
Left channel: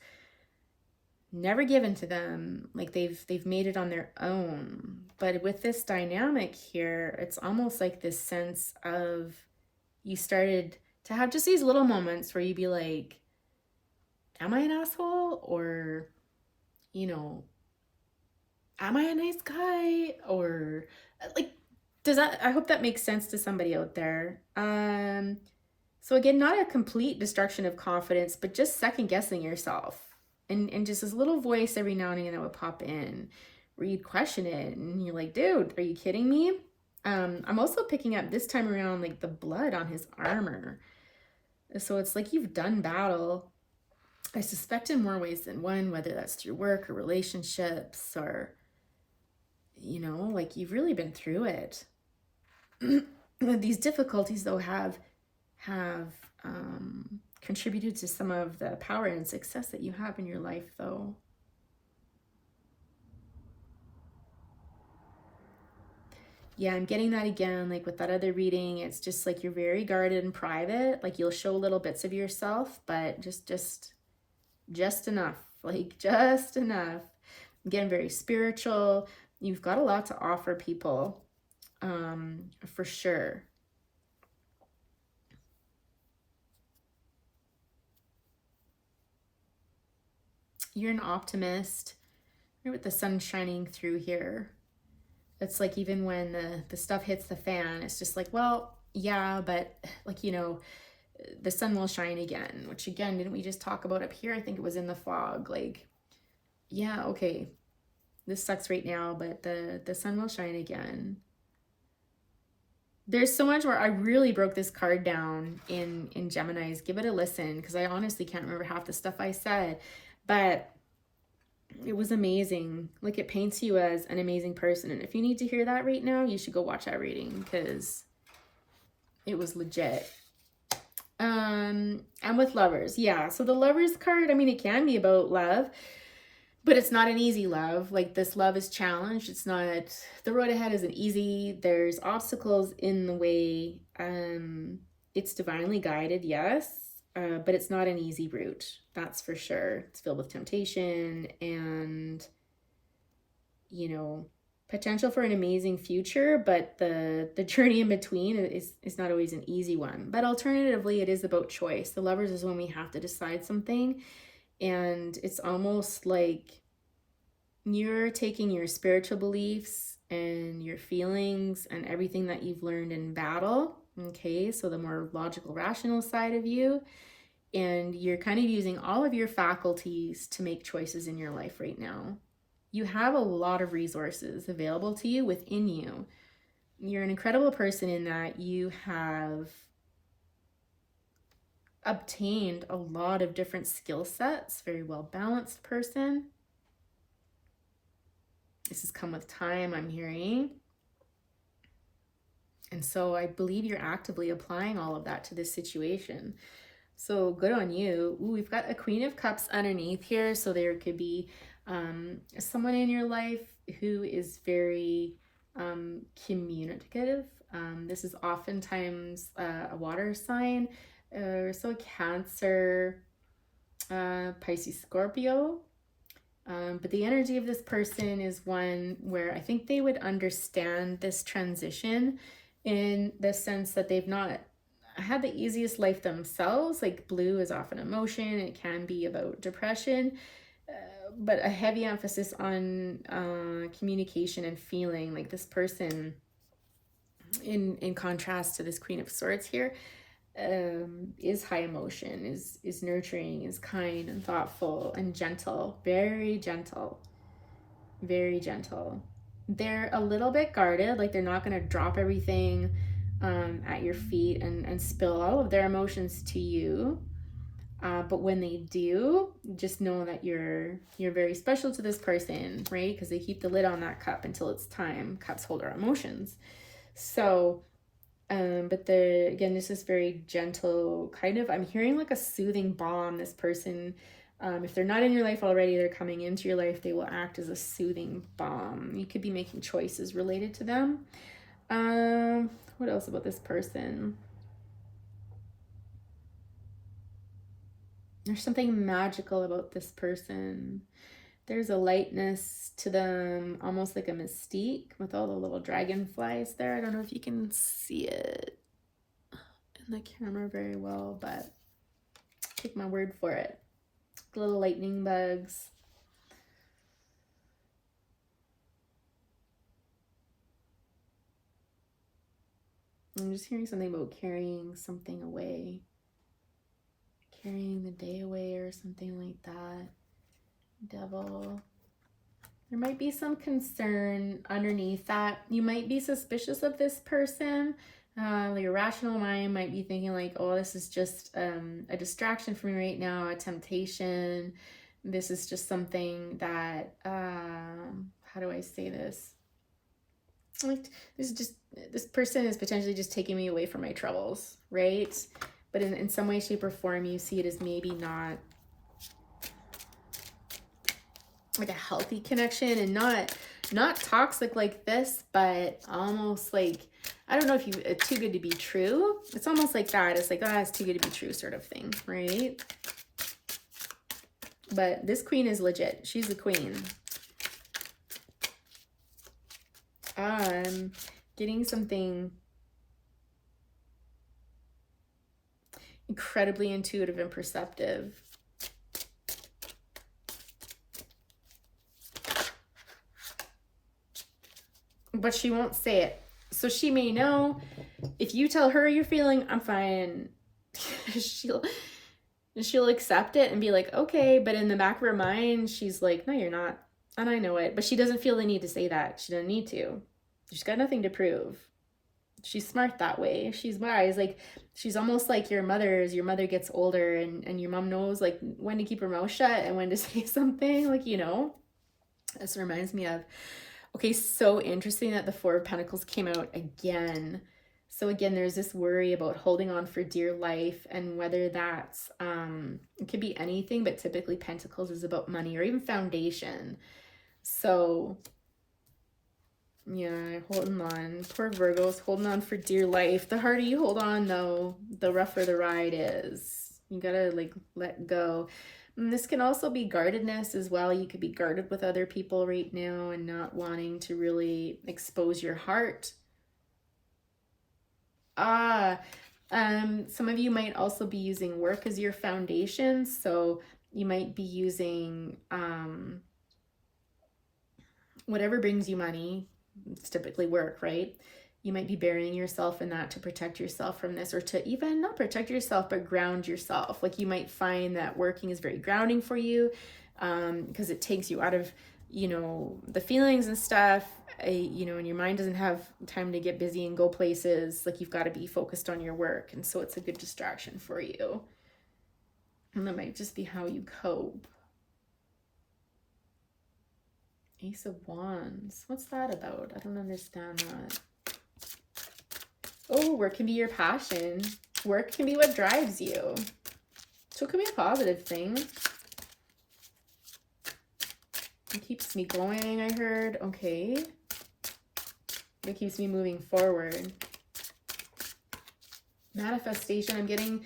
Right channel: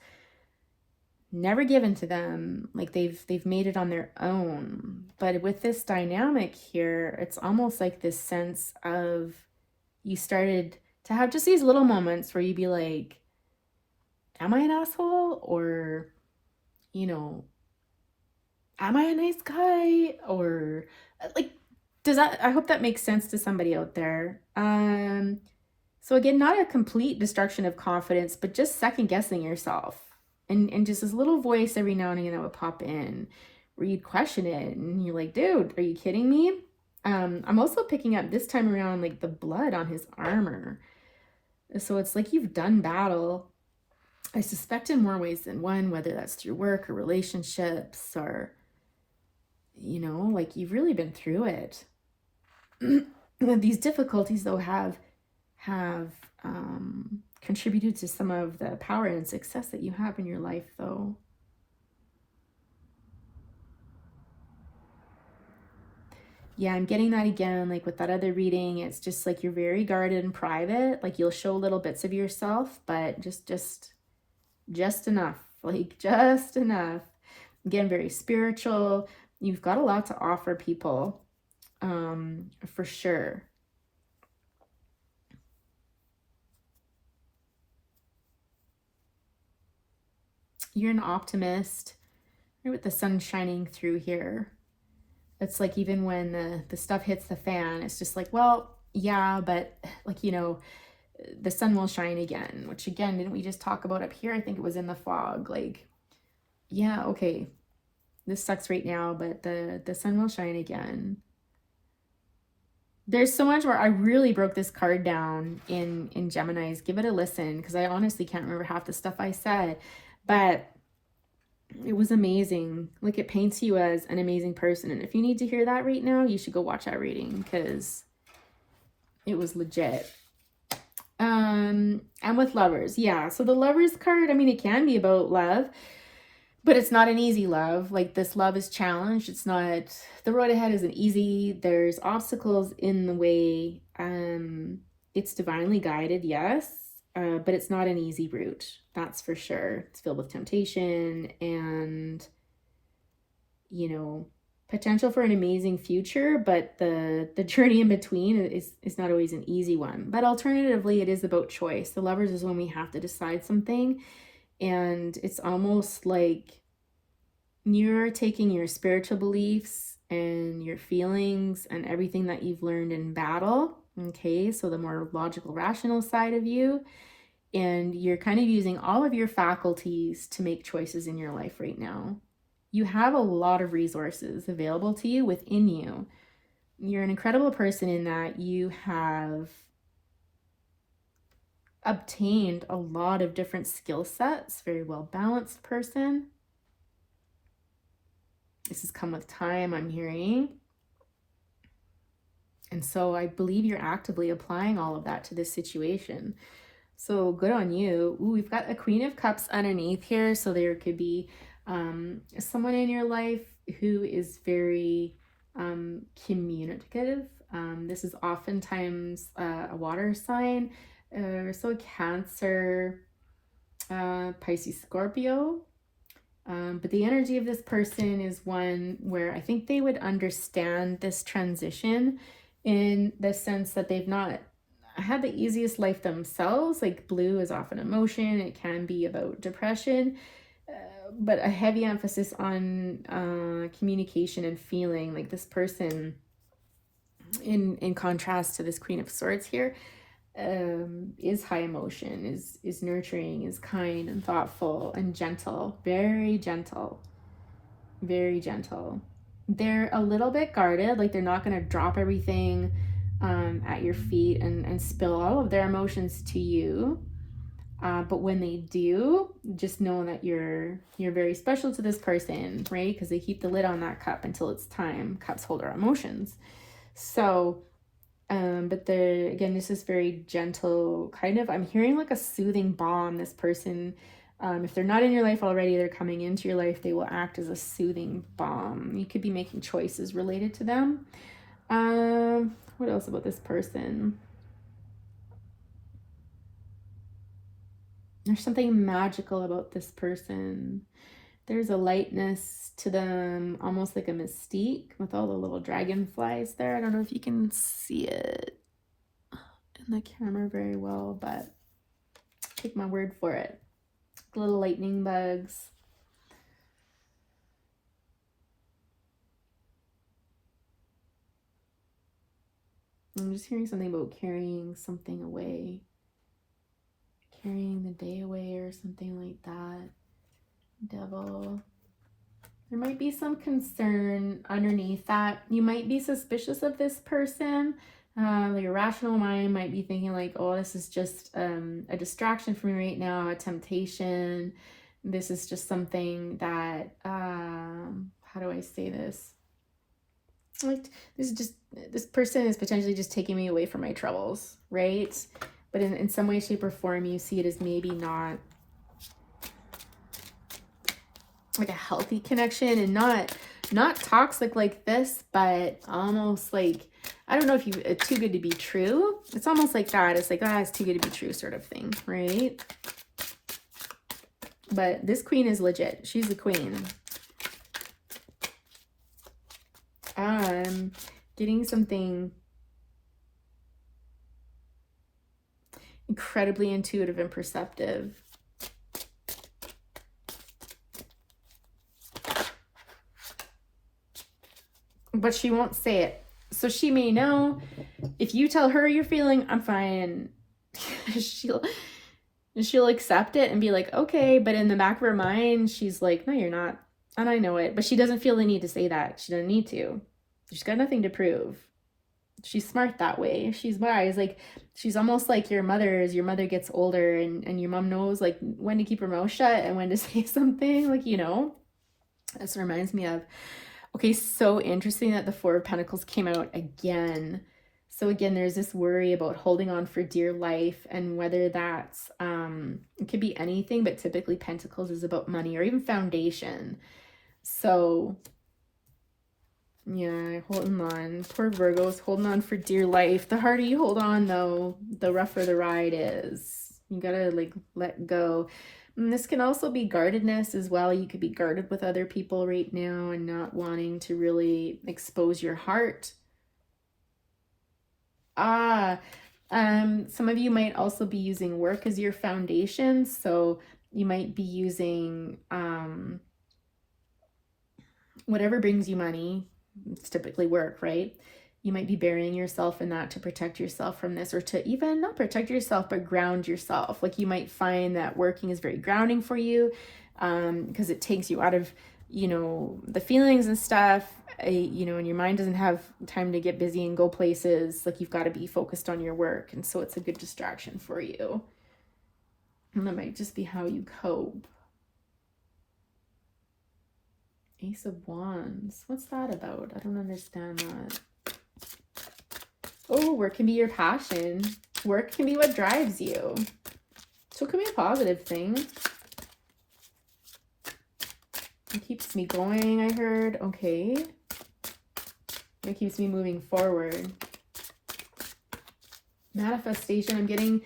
never given to them, like they've made it on their own. But with this dynamic here, it's almost like this sense of, you started to have just these little moments where you'd be like, am I an asshole? Or, you know, am I a nice guy? Or like, does that, I hope that makes sense to somebody out there. So again, not a complete destruction of confidence, but just second guessing yourself. And just this little voice every now and again that would pop in where you'd question it and you're like, dude, are you kidding me? I'm also picking up this time around like the blood on his armor. So it's like you've done battle, I suspect, in more ways than one, whether that's to your work or relationships, or, you know, like you've really been through it. These difficulties though have contributed to some of the power and success that you have in your life though. Yeah, I'm getting that again, like with that other reading. It's just like you're very guarded and private. Like you'll show little bits of yourself, but just enough, like just enough. Again, very spiritual. You've got a lot to offer people, for sure. You're an optimist. You're with the sun shining through here. It's like even when the stuff hits the fan, it's just like, well, yeah, but like, you know, the sun will shine again, which again, didn't we just talk about up here? I think it was in the fog. Like, yeah, okay, this sucks right now, but the sun will shine again. There's so much where I really broke this card down in Gemini's. Give it a listen, because I honestly can't remember half the stuff I said, but it was amazing. Like, it paints you as an amazing person. And if you need to hear that right now, you should go watch that reading, because it was legit. And with lovers, yeah. So the lovers card, I mean, it can be about love, but it's not an easy love. Like, this love is challenged. It's not, the road ahead isn't easy. There's obstacles in the way. It's divinely guided, yes, but it's not an easy route. That's for sure. It's filled with temptation and, you know, potential for an amazing future, but the journey in between is not always an easy one. But alternatively, it is about choice. The lovers is when we have to decide something, and it's almost like you're taking your spiritual beliefs and your feelings and everything that you've learned in battle, okay, so the more logical, rational side of you, and you're kind of using all of your faculties to make choices in your life right now. You have a lot of resources available to you within you. You're an incredible person in that you have obtained a lot of different skill sets, very well balanced person. This has come with time, I'm hearing. And so I believe you're actively applying all of that to this situation. So good on you. Ooh, we've got a Queen of Cups underneath here. So there could be someone in your life who is very communicative. This is oftentimes a water sign. So Cancer, Pisces, Scorpio. But the energy of this person is one where I think they would understand this transition in the sense that they've not had the easiest life themselves. Like, blue is often emotion. It can be about depression, but a heavy emphasis on communication and feeling. Like, this person, in contrast to this Queen of Swords here, is high emotion, is nurturing, is kind and thoughtful and gentle, very gentle, very gentle. They're a little bit guarded, like they're not going to drop everything at your feet and spill all of their emotions to you. But when they do, just know that you're very special to this person, right? Because they keep the lid on that cup until it's time. Cups hold our emotions. So, but again, this is very gentle, kind of, I'm hearing like a soothing balm. This person, if they're not in your life already, they're coming into your life, they will act as a soothing balm. You could be making choices related to them. What else about this person? There's something magical about this person. There's a lightness to them, almost like a mystique with all the little dragonflies there. I don't know if you can see it in the camera very well, but take my word for it. Little lightning bugs. I'm just hearing something about carrying something away. Carrying the day away or something like that. Devil. There might be some concern underneath that. You might be suspicious of this person. Your rational mind might be thinking like, oh, this is just a distraction for me right now, a temptation. This is just something that, how do I say this? Like, this person is potentially just taking me away from my troubles, right? But in some way, shape, or form, you see it as maybe not like a healthy connection, and not toxic like this, but almost like, I don't know if you too good to be true. It's almost like that. It's like, it's too good to be true sort of thing, right? But this queen is legit. She's the queen. I'm getting something incredibly intuitive and perceptive. but she won't say it. So she may know. If you tell her you're feeling, I'm fine, she'll accept it and be like, okay. But in the back of her mind, she's like, no, you're not. And I know it. But she doesn't feel the need to say that. She doesn't need to. She's got nothing to prove. She's smart that way. She's wise. Like, she's almost like your mother. As your mother gets older and your mom knows like when to keep her mouth shut and when to say something, like, you know. This reminds me of, okay, so interesting that the Four of Pentacles came out again. So again, there's this worry about holding on for dear life, and whether that's, it could be anything, but typically Pentacles is about money or even foundation. So yeah, holding on. Poor Virgo's holding on for dear life. The harder you hold on, though, the rougher the ride is. You gotta like let go. And this can also be guardedness as well. You could be guarded with other people right now and not wanting to really expose your heart. Some of you might also be using work as your foundation. So you might be using whatever brings you money. It's typically work, right? You might be burying yourself in that to protect yourself from this, or to even not protect yourself, but ground yourself. Like, you might find that working is very grounding for you, because it takes you out of, you know, the feelings and stuff, you know, and your mind doesn't have time to get busy and go places. Like, you've got to be focused on your work. And so it's a good distraction for you. And that might just be how you cope. Ace of Wands. What's that about? I don't understand that. Oh, work can be your passion. Work can be what drives you. So it can be a positive thing. It keeps me going, I heard. Okay. It keeps me moving forward. Manifestation. I'm getting,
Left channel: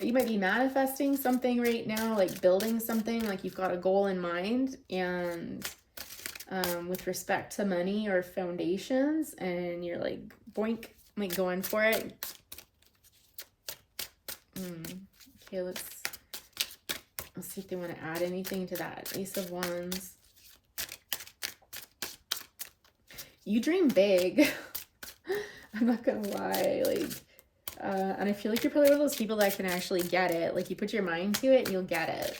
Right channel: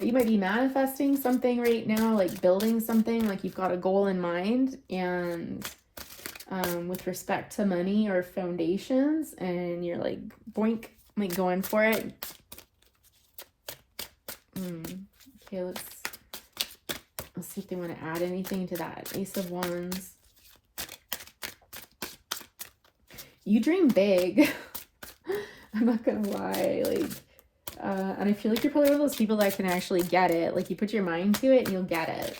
you might be manifesting something right now, like building something, like you've got a goal in mind, and with respect to money or foundations, and you're like boink, like going for it. Okay, let's see if they want to add anything to that. Ace of Wands. You dream big. I'm not gonna lie, like, and I feel like you're probably one of those people that can actually get it. Like, you put your mind to it and you'll get it,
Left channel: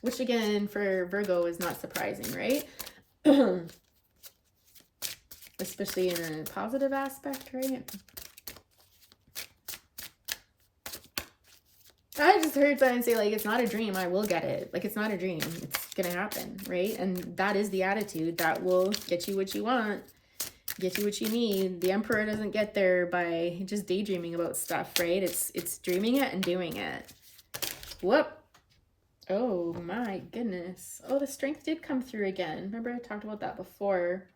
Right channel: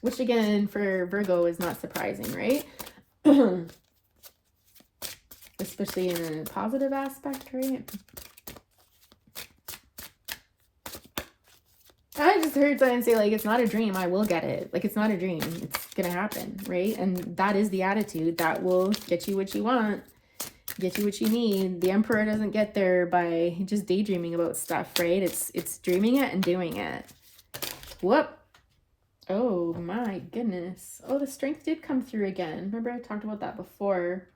which again for Virgo is not surprising, right? Especially in a positive aspect, right? I just heard someone say, like, it's not a dream, I will get it. Like, it's not a dream, it's gonna happen, right? And that is the attitude that will get you what you want, get you what you need. The Emperor doesn't get there by just daydreaming about stuff, right? It's dreaming it and doing it. Whoop. Oh my goodness. Oh, the Strength did come through again. Remember I talked about that before.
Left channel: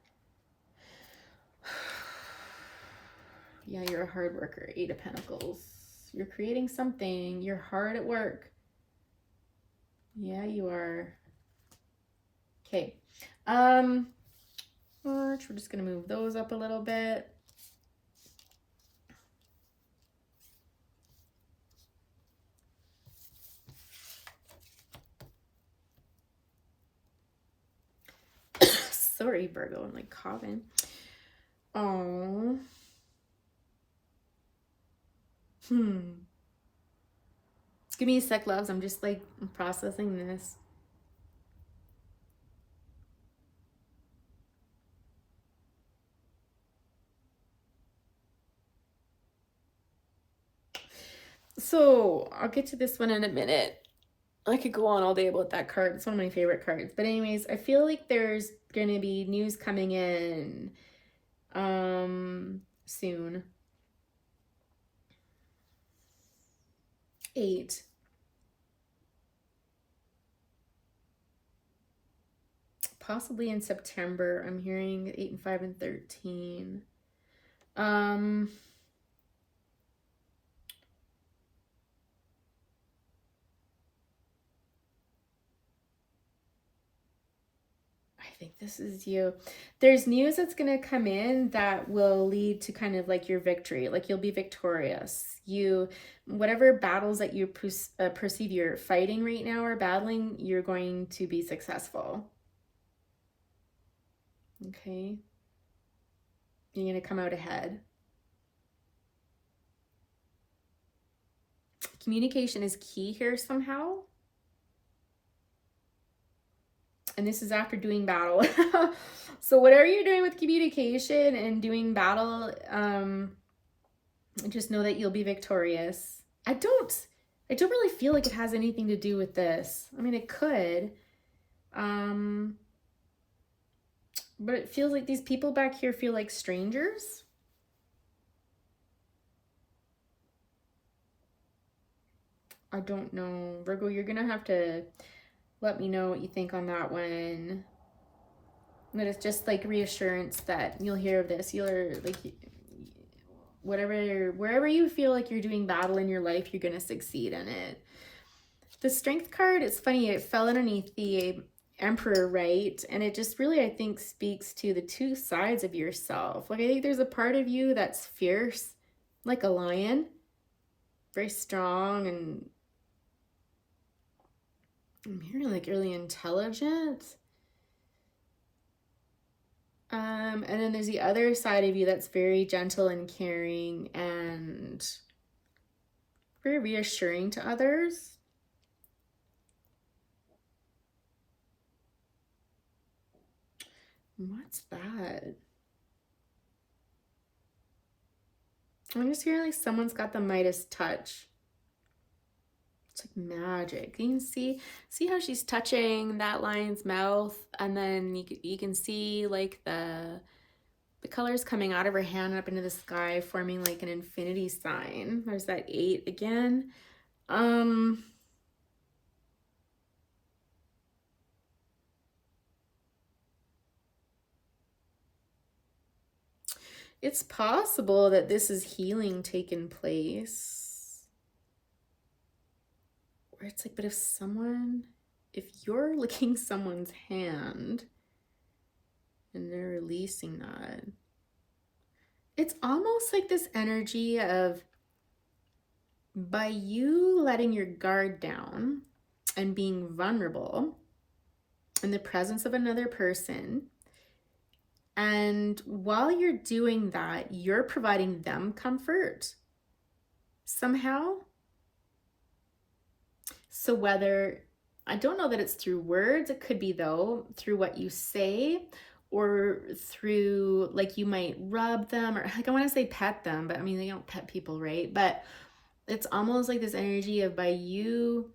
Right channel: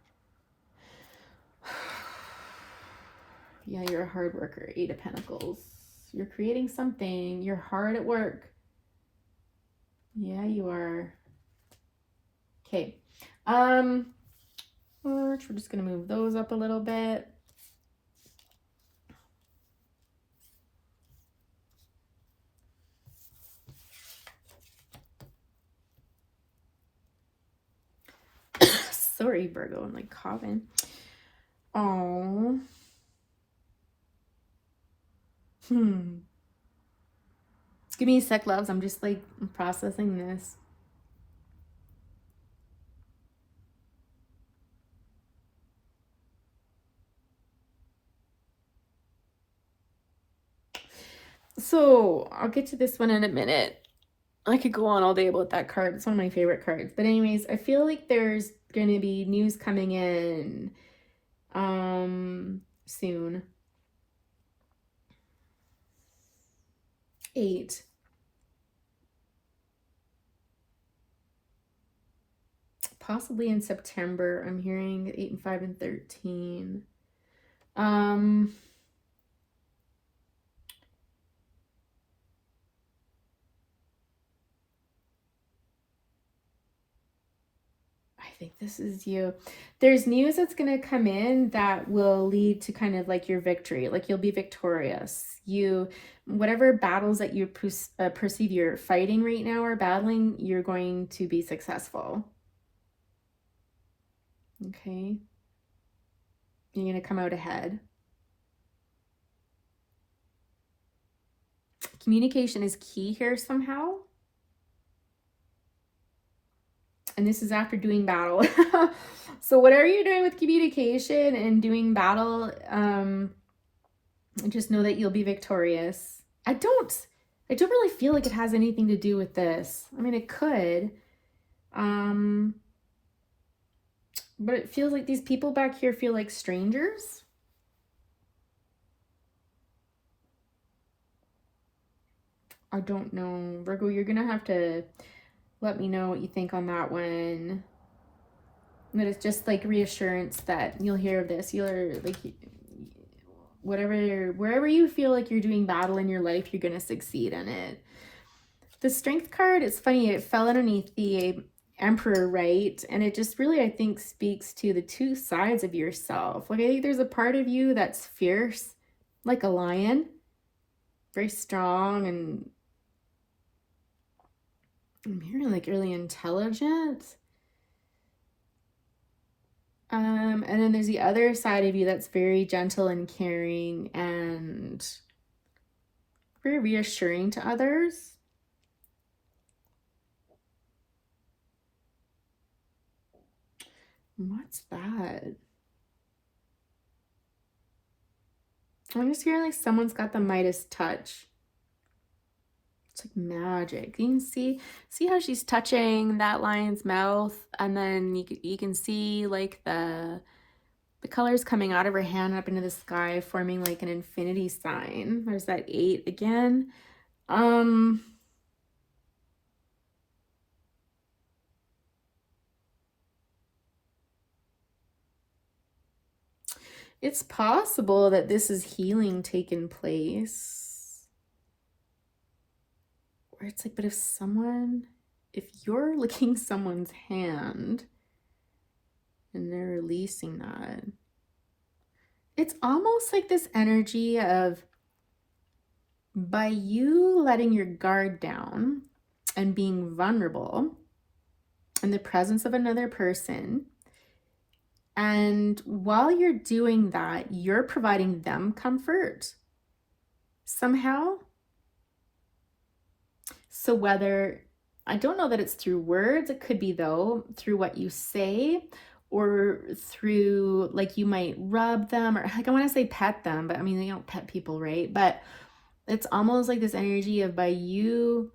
Yeah, you're a hard worker. 8 of Pentacles. You're creating something. You're hard at work. Yeah, you are. Okay. We're just going to move those up a little bit. Sorry, Virgo, I'm like coughing. Oh. Give me a sec, loves. I'm just like processing this. So I'll get to this one in a minute. I could go on all day about that card. It's one of my favorite cards. But anyways, I feel like there's going to be news coming in soon. 8. Possibly in September. I'm hearing 8 and 5 and 13. I think this is you. There's news that's going to come in that will lead to kind of like your victory. Like, you'll be victorious. Whatever battles that you perceive you're fighting right now or battling, you're going to be successful. Okay. You're going to come out ahead. Communication is key here somehow. And this is after doing battle. So whatever you're doing with communication and doing battle, just know that you'll be victorious. I don't really feel like it has anything to do with this. I mean, it could. But it feels like these people back here feel like strangers. I don't know. Virgo, you're going to have to let me know what you think on that one. But it's just like reassurance that you'll hear of this. You're like, wherever you feel like you're doing battle in your life, you're going to succeed in it. The Strength card, it's funny, it fell underneath the Emperor, right? And it just really, I think, speaks to the two sides of yourself. Like, I think there's a part of you that's fierce, like a lion, very strong, and I'm hearing like really intelligent. And then there's the other side of you that's very gentle and caring and very reassuring to others. What's that? I'm just hearing like someone's got the Midas touch. It's like magic. You can see how she's touching that lion's mouth, and then you can see like the colors coming out of her hand up into the sky, forming like an infinity sign. There's that 8 again. It's possible that this is healing taking place. Or it's like, but if you're licking someone's hand and they're releasing that, it's almost like this energy of, by you letting your guard down and being vulnerable in the presence of another person, and while you're doing that, you're providing them comfort somehow. So whether, I don't know that it's through words, it could be though through what you say, or through like you might rub them, or like I want to say pet them, but I mean, they don't pet people, right? But it's almost like this energy of, by you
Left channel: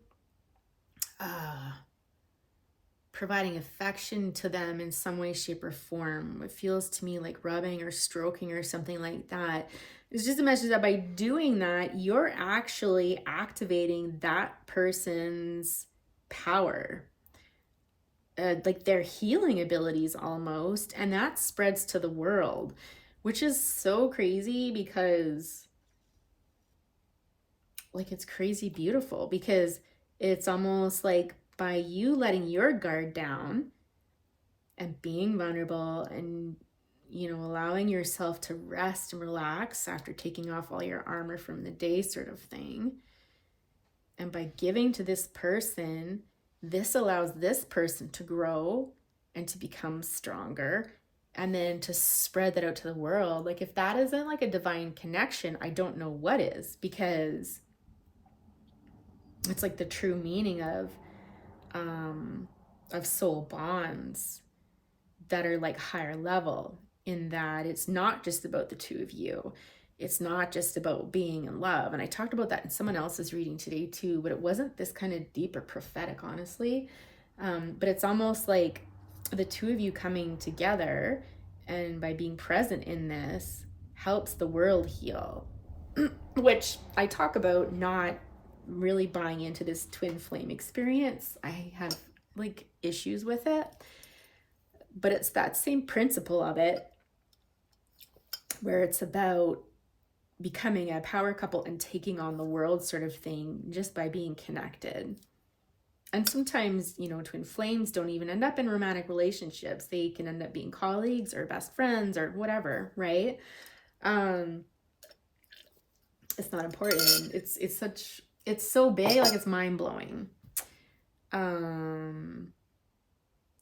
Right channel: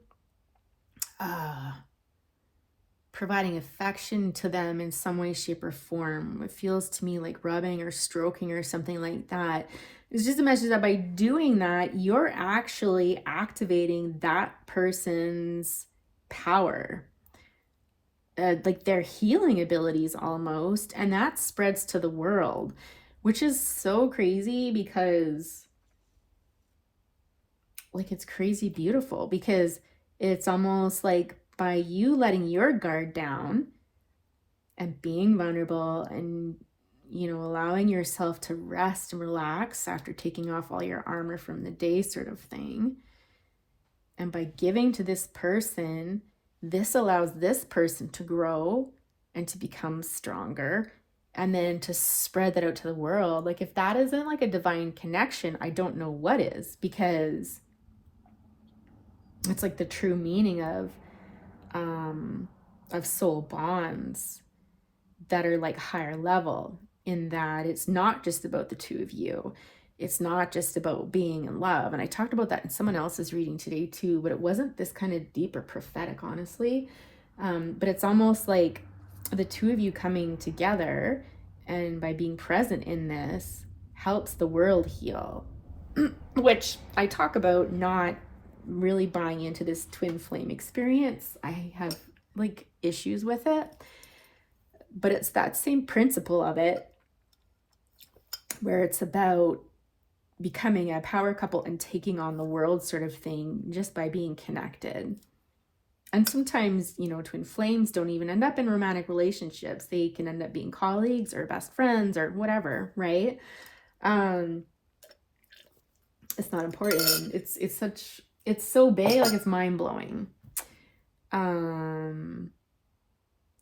providing affection to them in some way, shape, or form. It feels to me like rubbing or stroking or something like that. It's just a message that by doing that, you're actually activating that person's power, like their healing abilities almost, and that spreads to the world, which is so crazy, because like it's crazy beautiful, because it's almost like by you letting your guard down and being vulnerable and, you know, allowing yourself to rest and relax after taking off all your armor from the day sort of thing, and by giving to this person, this allows this person to grow and to become stronger, and then to spread that out to the world. Like, if that isn't like a divine connection, I don't know what is, because it's like the true meaning of soul bonds that are like higher level, in that it's not just about the two of you. It's not just about being in love. And I talked about that in someone else's reading today too, but it wasn't this kind of deep or prophetic, honestly. But it's almost like the two of you coming together, and by being present in this, helps the world heal. Which I talk about not really buying into this twin flame experience. I have like issues with it, but it's that same principle of it, where it's about becoming a power couple and taking on the world sort of thing, just by being connected. And sometimes, you know, twin flames don't even end up in romantic relationships. They can end up being colleagues or best friends or whatever, right? It's not important. It's so big, like it's mind-blowing.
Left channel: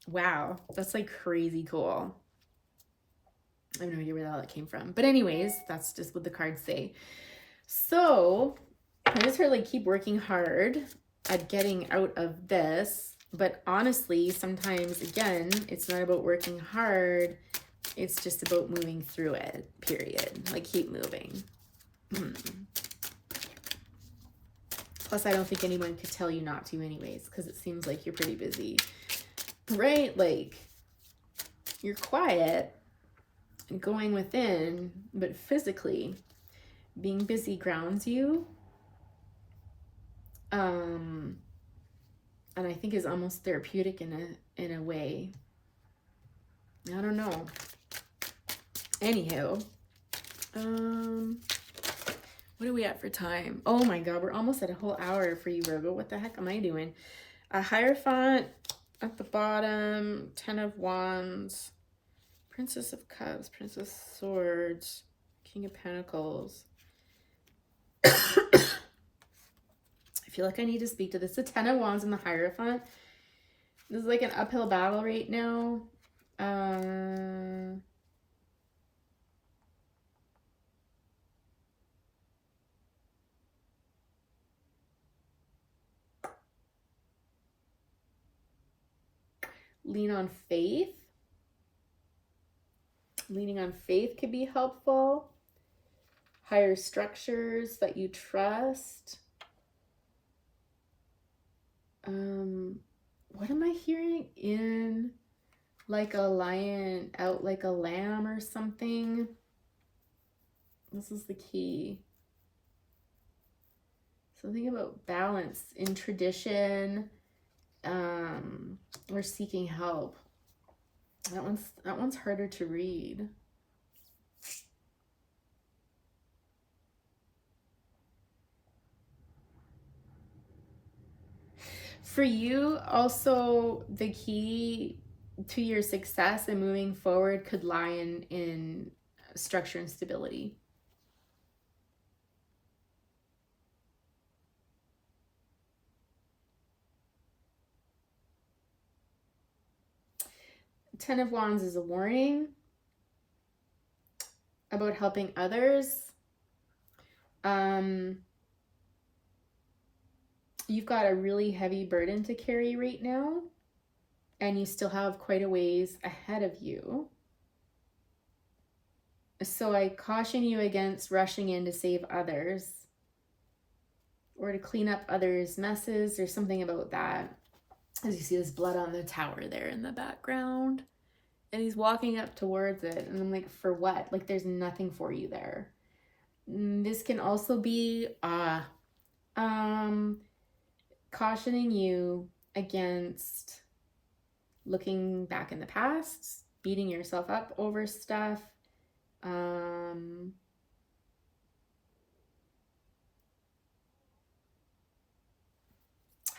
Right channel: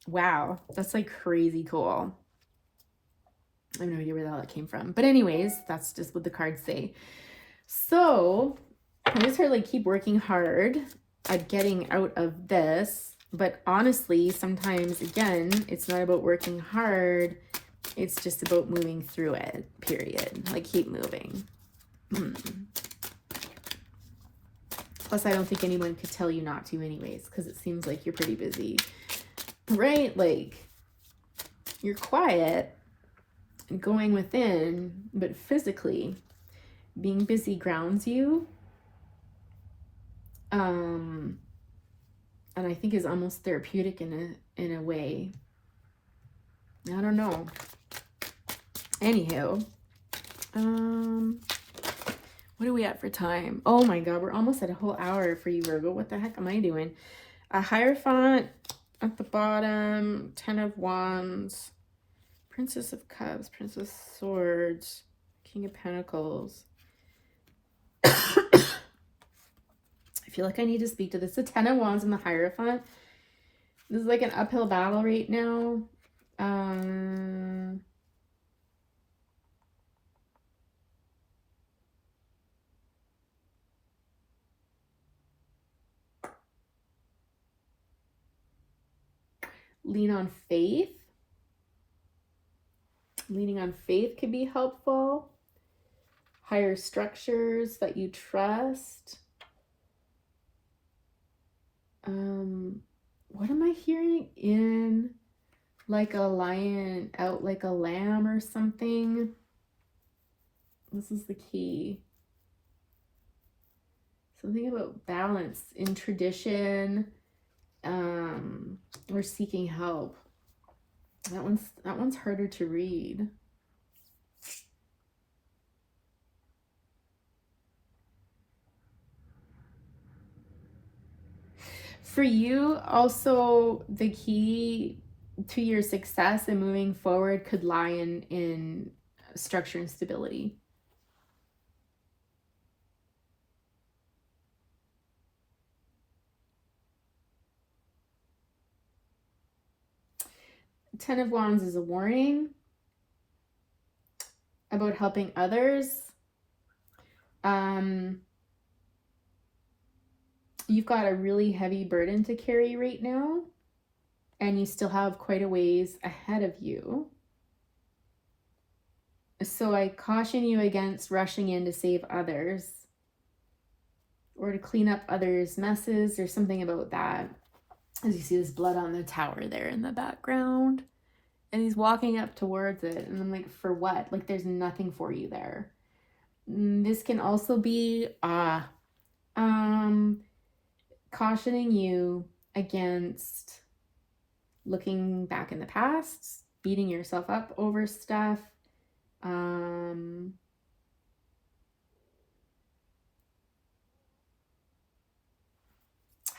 Wow, that's like crazy cool. I have no idea where that came from. But anyways, that's just what the cards say. So I just sort of like keep working hard at getting out of this. But honestly, sometimes, again, it's not about working hard. It's just about moving through it, period. Like, keep moving. Plus, I don't think anyone could tell you not to anyways, because it seems like you're pretty busy. Right? Like, you're quiet and going within, but physically being busy grounds you. And I think is almost therapeutic in a way. I don't know. Anywho, what are we at for time? Oh my God, we're almost at a whole hour for you, Virgo. What the heck am I doing? A Hierophant at the bottom, 10 of Wands, Princess of Cups, Princess of Swords, King of Pentacles. I feel like I need to speak to this. The 10 of Wands and the Hierophant. This is like an uphill battle right now. Lean on faith. Leaning on faith could be helpful. Higher structures that you trust. What am I hearing? In like a lion, out like a lamb or something. This is the key. Something about balance in tradition, or seeking help. That one's harder to read. For you, also, the key to your success and moving forward could lie in structure and stability. Ten of Wands is a warning about helping others. You've got a really heavy burden to carry right now, and you still have quite a ways ahead of you. So I caution you against rushing in to save others or to clean up others' messes. There's something about that. As you see this blood on the tower there in the background, and he's walking up towards it, and I'm like, for what? Like, there's nothing for you there. This can also be cautioning you against looking back in the past, beating yourself up over stuff. How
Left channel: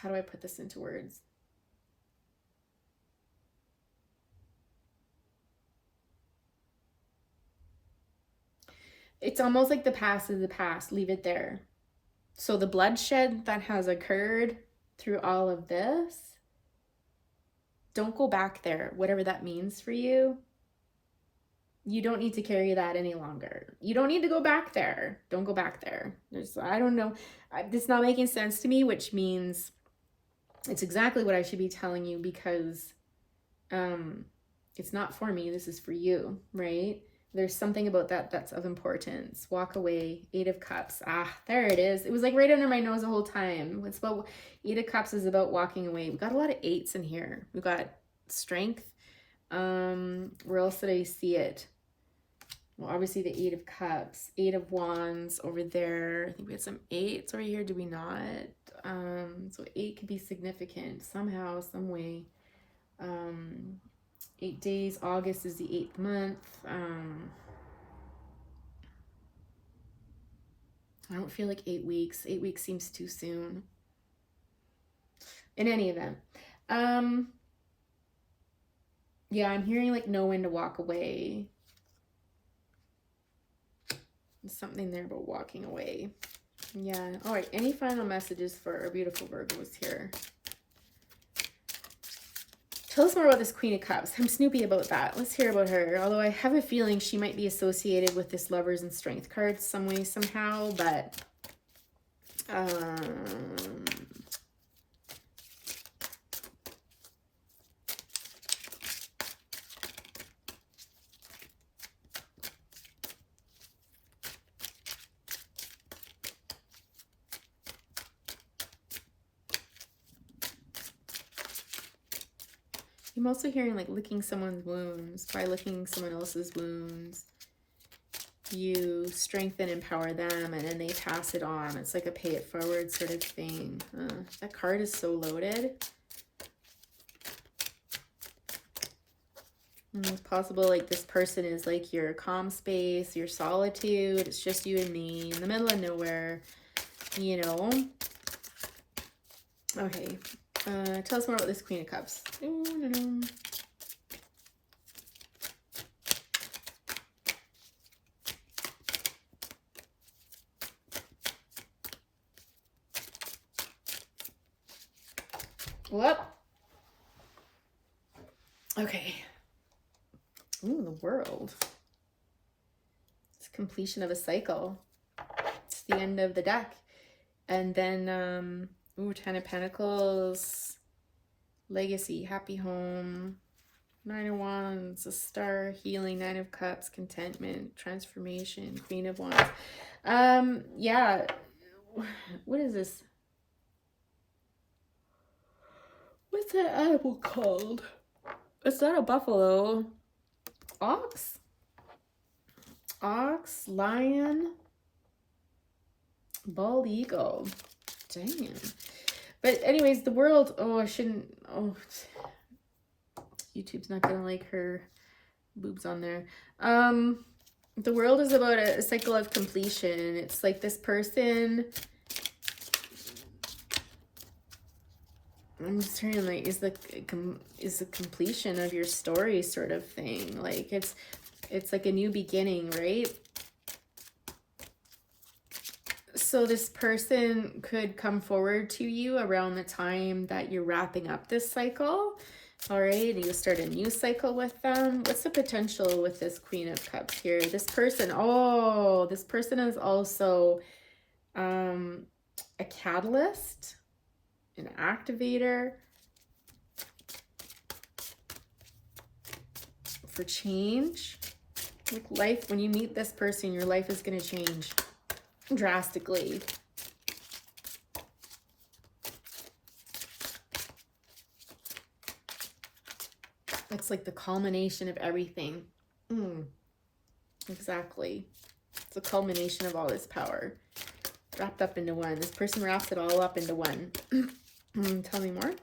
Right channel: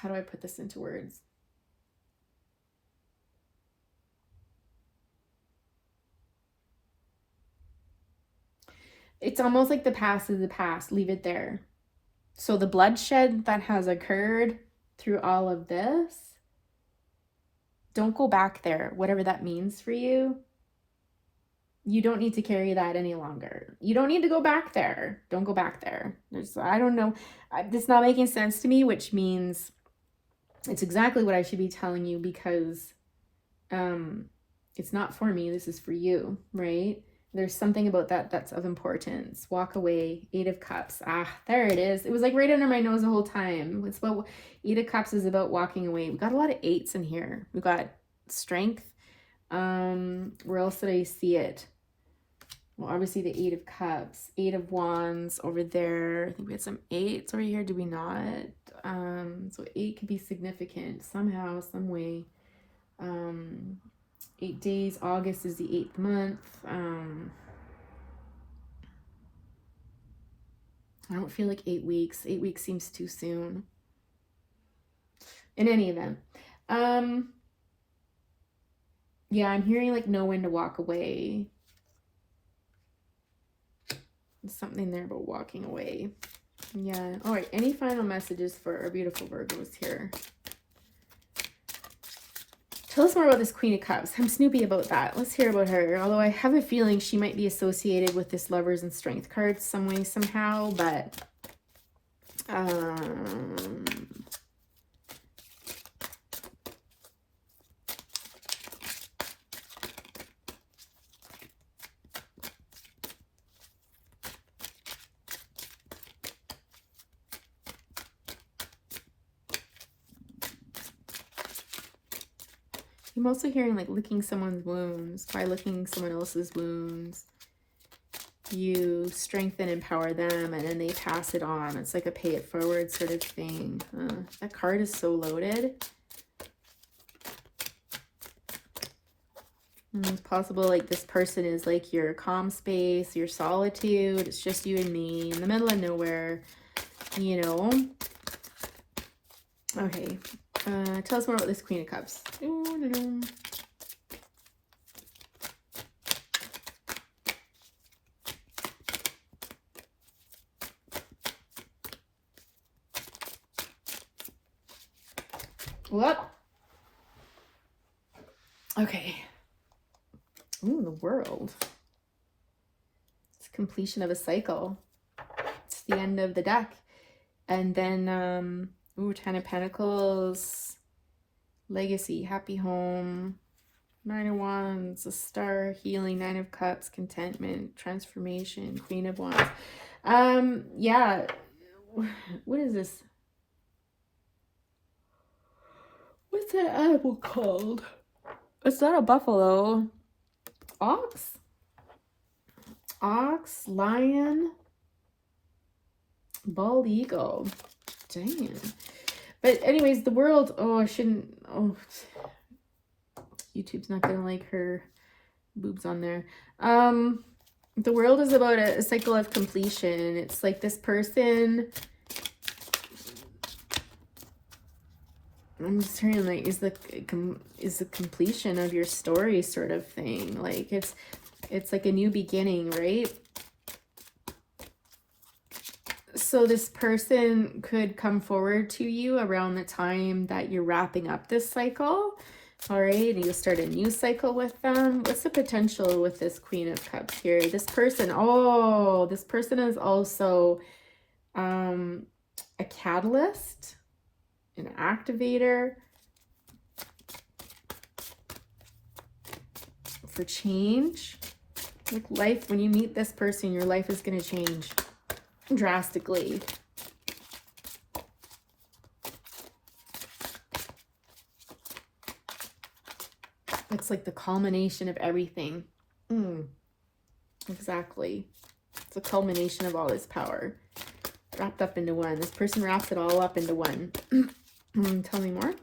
do I put this into words? It's almost like the past is the past. Leave it there. So the bloodshed that has occurred through all of this, don't go back there, whatever that means for you. You don't need to carry that any longer. You don't need to go back there. Don't go back there. I don't know. It's not making sense to me, which means it's exactly what I should be telling you, because it's not for me. This is for you, right? There's something about that that's of importance. Walk away. 8 of Cups. There it is. It was like right under my nose the whole time. It's about 8 of Cups is about walking away. We've got a lot of 8s in here. We've got strength. Where else did I see it? Well, obviously the 8 of Cups, 8 of Wands over there. I think we had some 8s over here. Did we not? So 8 could be significant somehow, some way. 8 days. August is the 8th month. I don't feel like 8 weeks. 8 weeks seems too soon. In any event, yeah, I'm hearing like know when to walk away. There's something there about walking away. Yeah. All right. Any final messages for our beautiful Virgos here? Tell us more about this Queen of Cups. I'm snoopy about that. Let's hear about her. Although I have a feeling she might be associated with this Lovers and Strength card some way, somehow. But I'm also hearing like licking someone's wounds. By licking someone else's wounds, you strengthen, empower them, and then they pass it on. It's like a pay it forward sort of thing. That card is so loaded. It's possible like this person is like your calm space, your solitude. It's just you and me in the middle of nowhere, you know. Okay. Tell us more about this Queen of Cups. What? Okay. Ooh, the World. It's completion of a cycle. It's the end of the deck. And then, ooh, 10 of Pentacles, legacy, happy home, 9 of Wands, a star, healing, 9 of Cups, contentment, transformation, Queen of Wands. Yeah. What is this? What's that animal called? It's not a buffalo. Ox? Ox, lion, bald eagle. Dang. But anyways, the World, oh, I shouldn't, oh, YouTube's not gonna like her boobs on there. The World is about a cycle of completion. It's like this person, I'm just hearing like is the completion of your story sort of thing. Like it's like a new beginning, right? So this person could come forward to you around the time that you're wrapping up this cycle. All right, and you start a new cycle with them. What's the potential with this Queen of Cups here? This person, oh, this person is also a catalyst, an activator for change. Like life, when you meet this person, your life is going to change drastically. It's like the culmination of everything. Exactly. It's a culmination of all this power wrapped up into one. This person wraps it all up into one. Tell me more.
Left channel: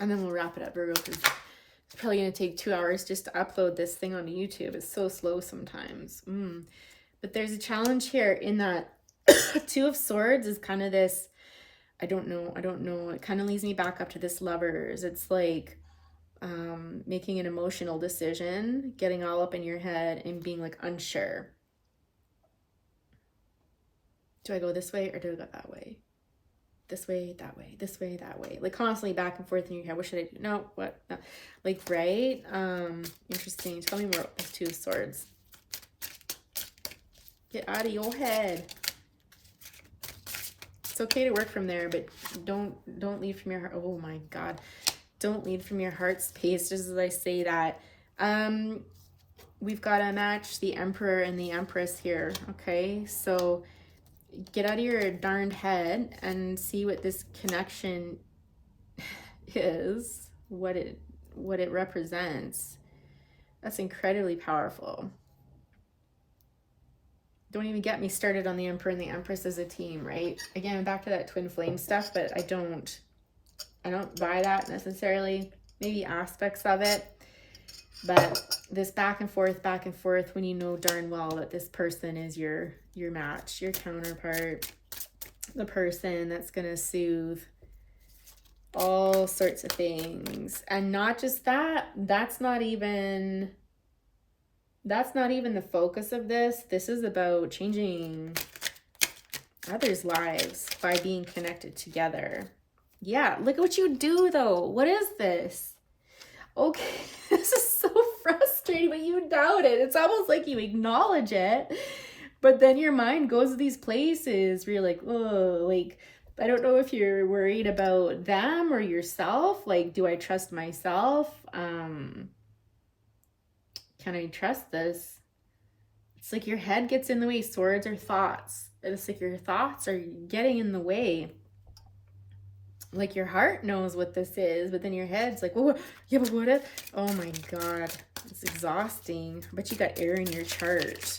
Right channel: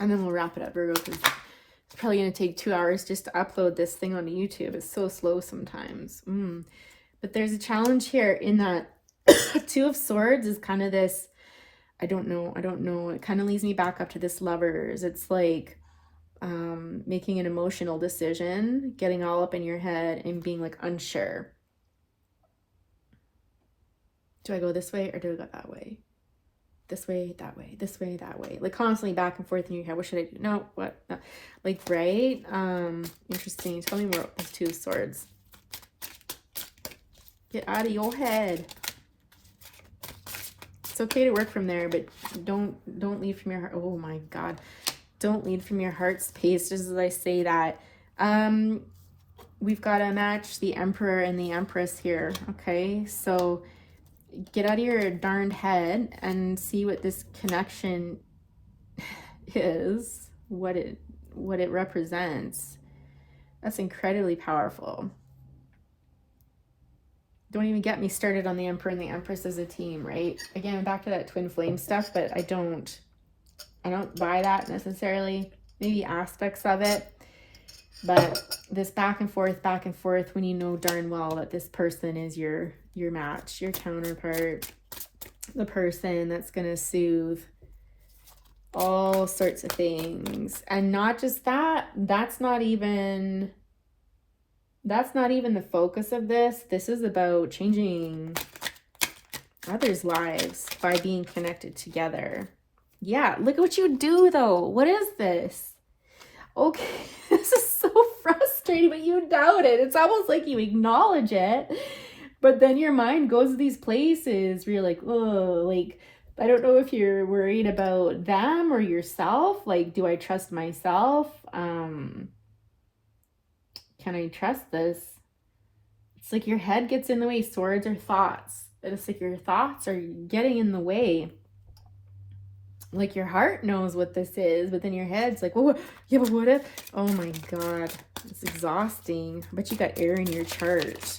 And then we'll wrap it up, Virgo, because it's probably going to take 2 hours just to upload this thing onto YouTube. It's so slow sometimes. But there's a challenge here in that Two of Swords is kind of this, I don't know. It kind of leads me back up to this Lovers. It's like making an emotional decision, getting all up in your head and being like unsure. Do I go this way or do I go that way? This way, that way, this way, that way. Like constantly back and forth in your head. What should I do? No, what? No. Like, right? Interesting. Tell me more about this Two of Swords. Get out of your head. It's okay to work from there, but don't lead from your heart. Oh my God. Don't lead from your heart space, just as I say that. We've got to match the Emperor and the Empress here, okay? So get out of your darned head and see what this connection is, what it represents. That's incredibly powerful. Don't even get me started on the Emperor and the Empress as a team, right? Again, back to that twin flame stuff, but I don't buy that necessarily. Maybe aspects of it. But this back and forth when you know darn well that this person is your match, your counterpart, the person that's going to soothe all sorts of things. And not just that, that's not even the focus of this. This is about changing others' lives by being connected together. Yeah, look at what you do though. What is this? Okay, this is so frustrating, but you doubt it. It's almost like you acknowledge it, but then your mind goes to these places where you're like, oh, like, I don't know if you're worried about them or yourself. Like, do I trust myself? Can I trust this? It's like your head gets in the way. Swords are thoughts. It's like your thoughts are getting in the way. Like your heart knows what this is, but then your head's like, oh, yeah, but what if? Oh my God, it's exhausting. But you got air in your chart.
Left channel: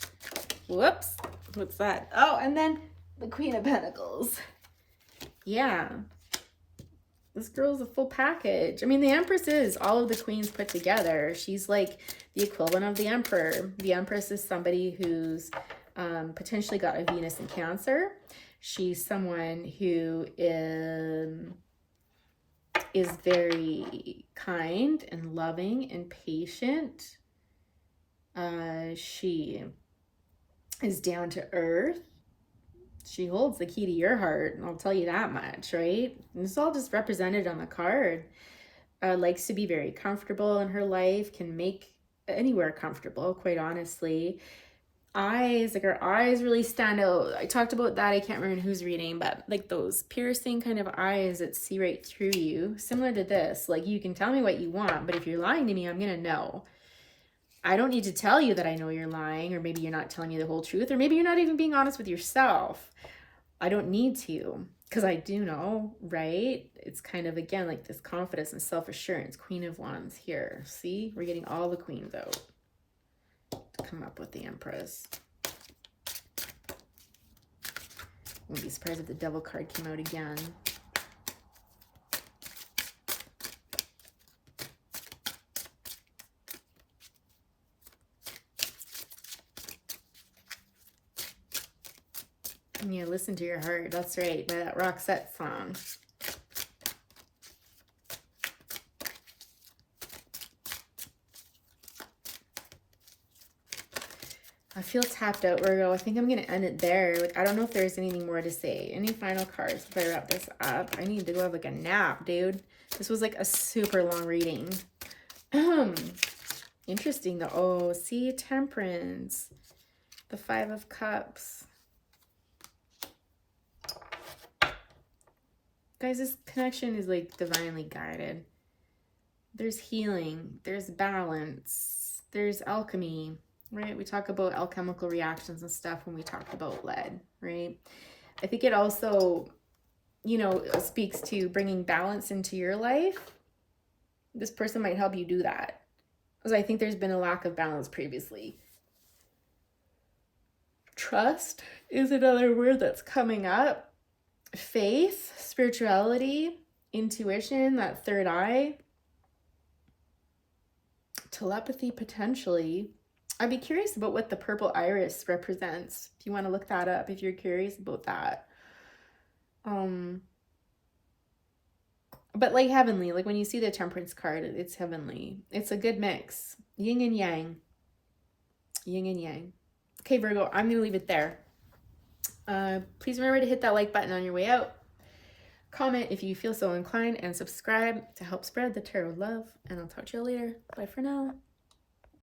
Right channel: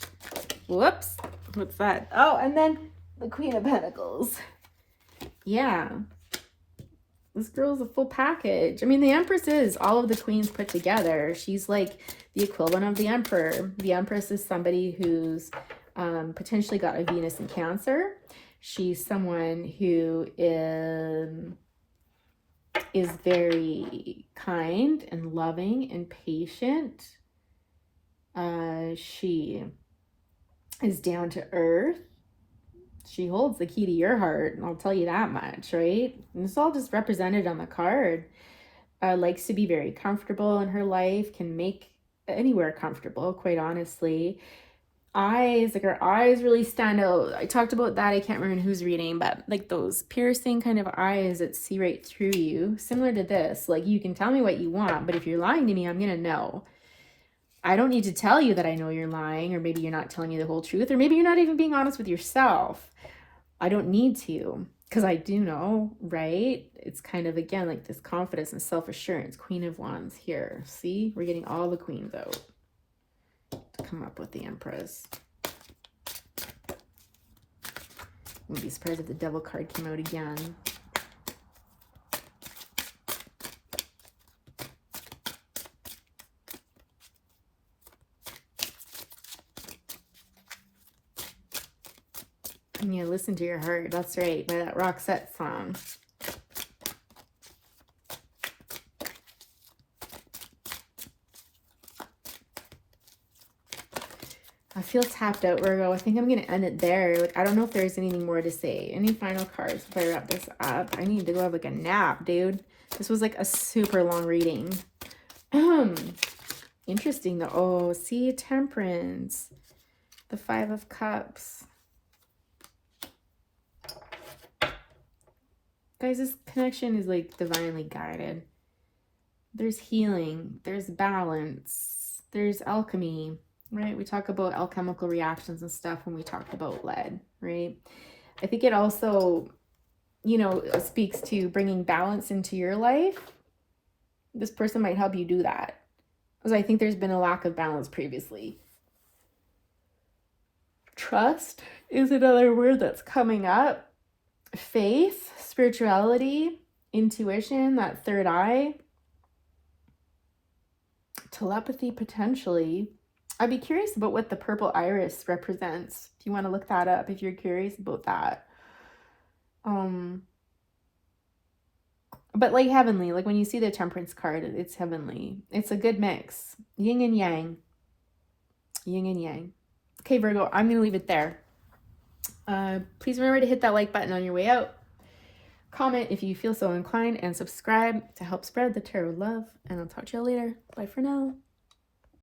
Whoops, what's that? Oh, and then the Queen of Pentacles. Yeah, this girl's a full package. I mean, the Empress is all of the queens put together. She's like the equivalent of the Emperor. The Empress is somebody who's potentially got a Venus in Cancer. She's someone who is very kind and loving and patient. She is down to earth. She holds the key to your heart, and I'll tell you that much, right? And it's all just represented on the card. Likes to be very comfortable in her life, can make anywhere comfortable, quite honestly. Eyes, like her eyes really stand out. I talked about that. I can't remember who's reading, but like those piercing kind of eyes that see right through you. Similar to this, like you can tell me what you want, but if you're lying to me, I'm gonna know. I don't need to tell you that I know you're lying, or maybe you're not telling me the whole truth, or maybe you're not even being honest with yourself. I don't need to, because I do know, right? It's kind of, again, like this confidence and self-assurance. Queen of Wands here. See, we're getting all the queens out to come up with the Empress. Wouldn't be surprised if the Devil card came out again. Yeah, listen to your heart. That's right, by that Roxette song. I feel tapped out, Virgo. I think I'm going to end it there. Like, I don't know if there's anything more to say. Any final cards before I wrap this up? I need to go have like a nap, dude. This was like a super long reading. Interesting though. Oh, see, Temperance. The Five of Cups. Guys, this connection is like divinely guided. There's healing. There's balance. There's alchemy, right? We talk about alchemical reactions and stuff when we talk about lead, right? I think it also, you know, speaks to bringing balance into your life. This person might help you do that, because I think there's been a lack of balance previously. Trust is another word that's coming up. Faith, spirituality, intuition, that third eye, telepathy potentially. I'd be curious about what the purple iris represents. If you want to look that up, if you're curious about that. But like heavenly, like when you see the Temperance card, it's heavenly. It's a good mix. Yin and yang. Yin and yang. Okay, Virgo, I'm going to leave it there. Please remember to hit that like button on your way out. Comment if you feel so inclined, and subscribe to help spread the tarot love. And I'll talk to you later. Bye for now.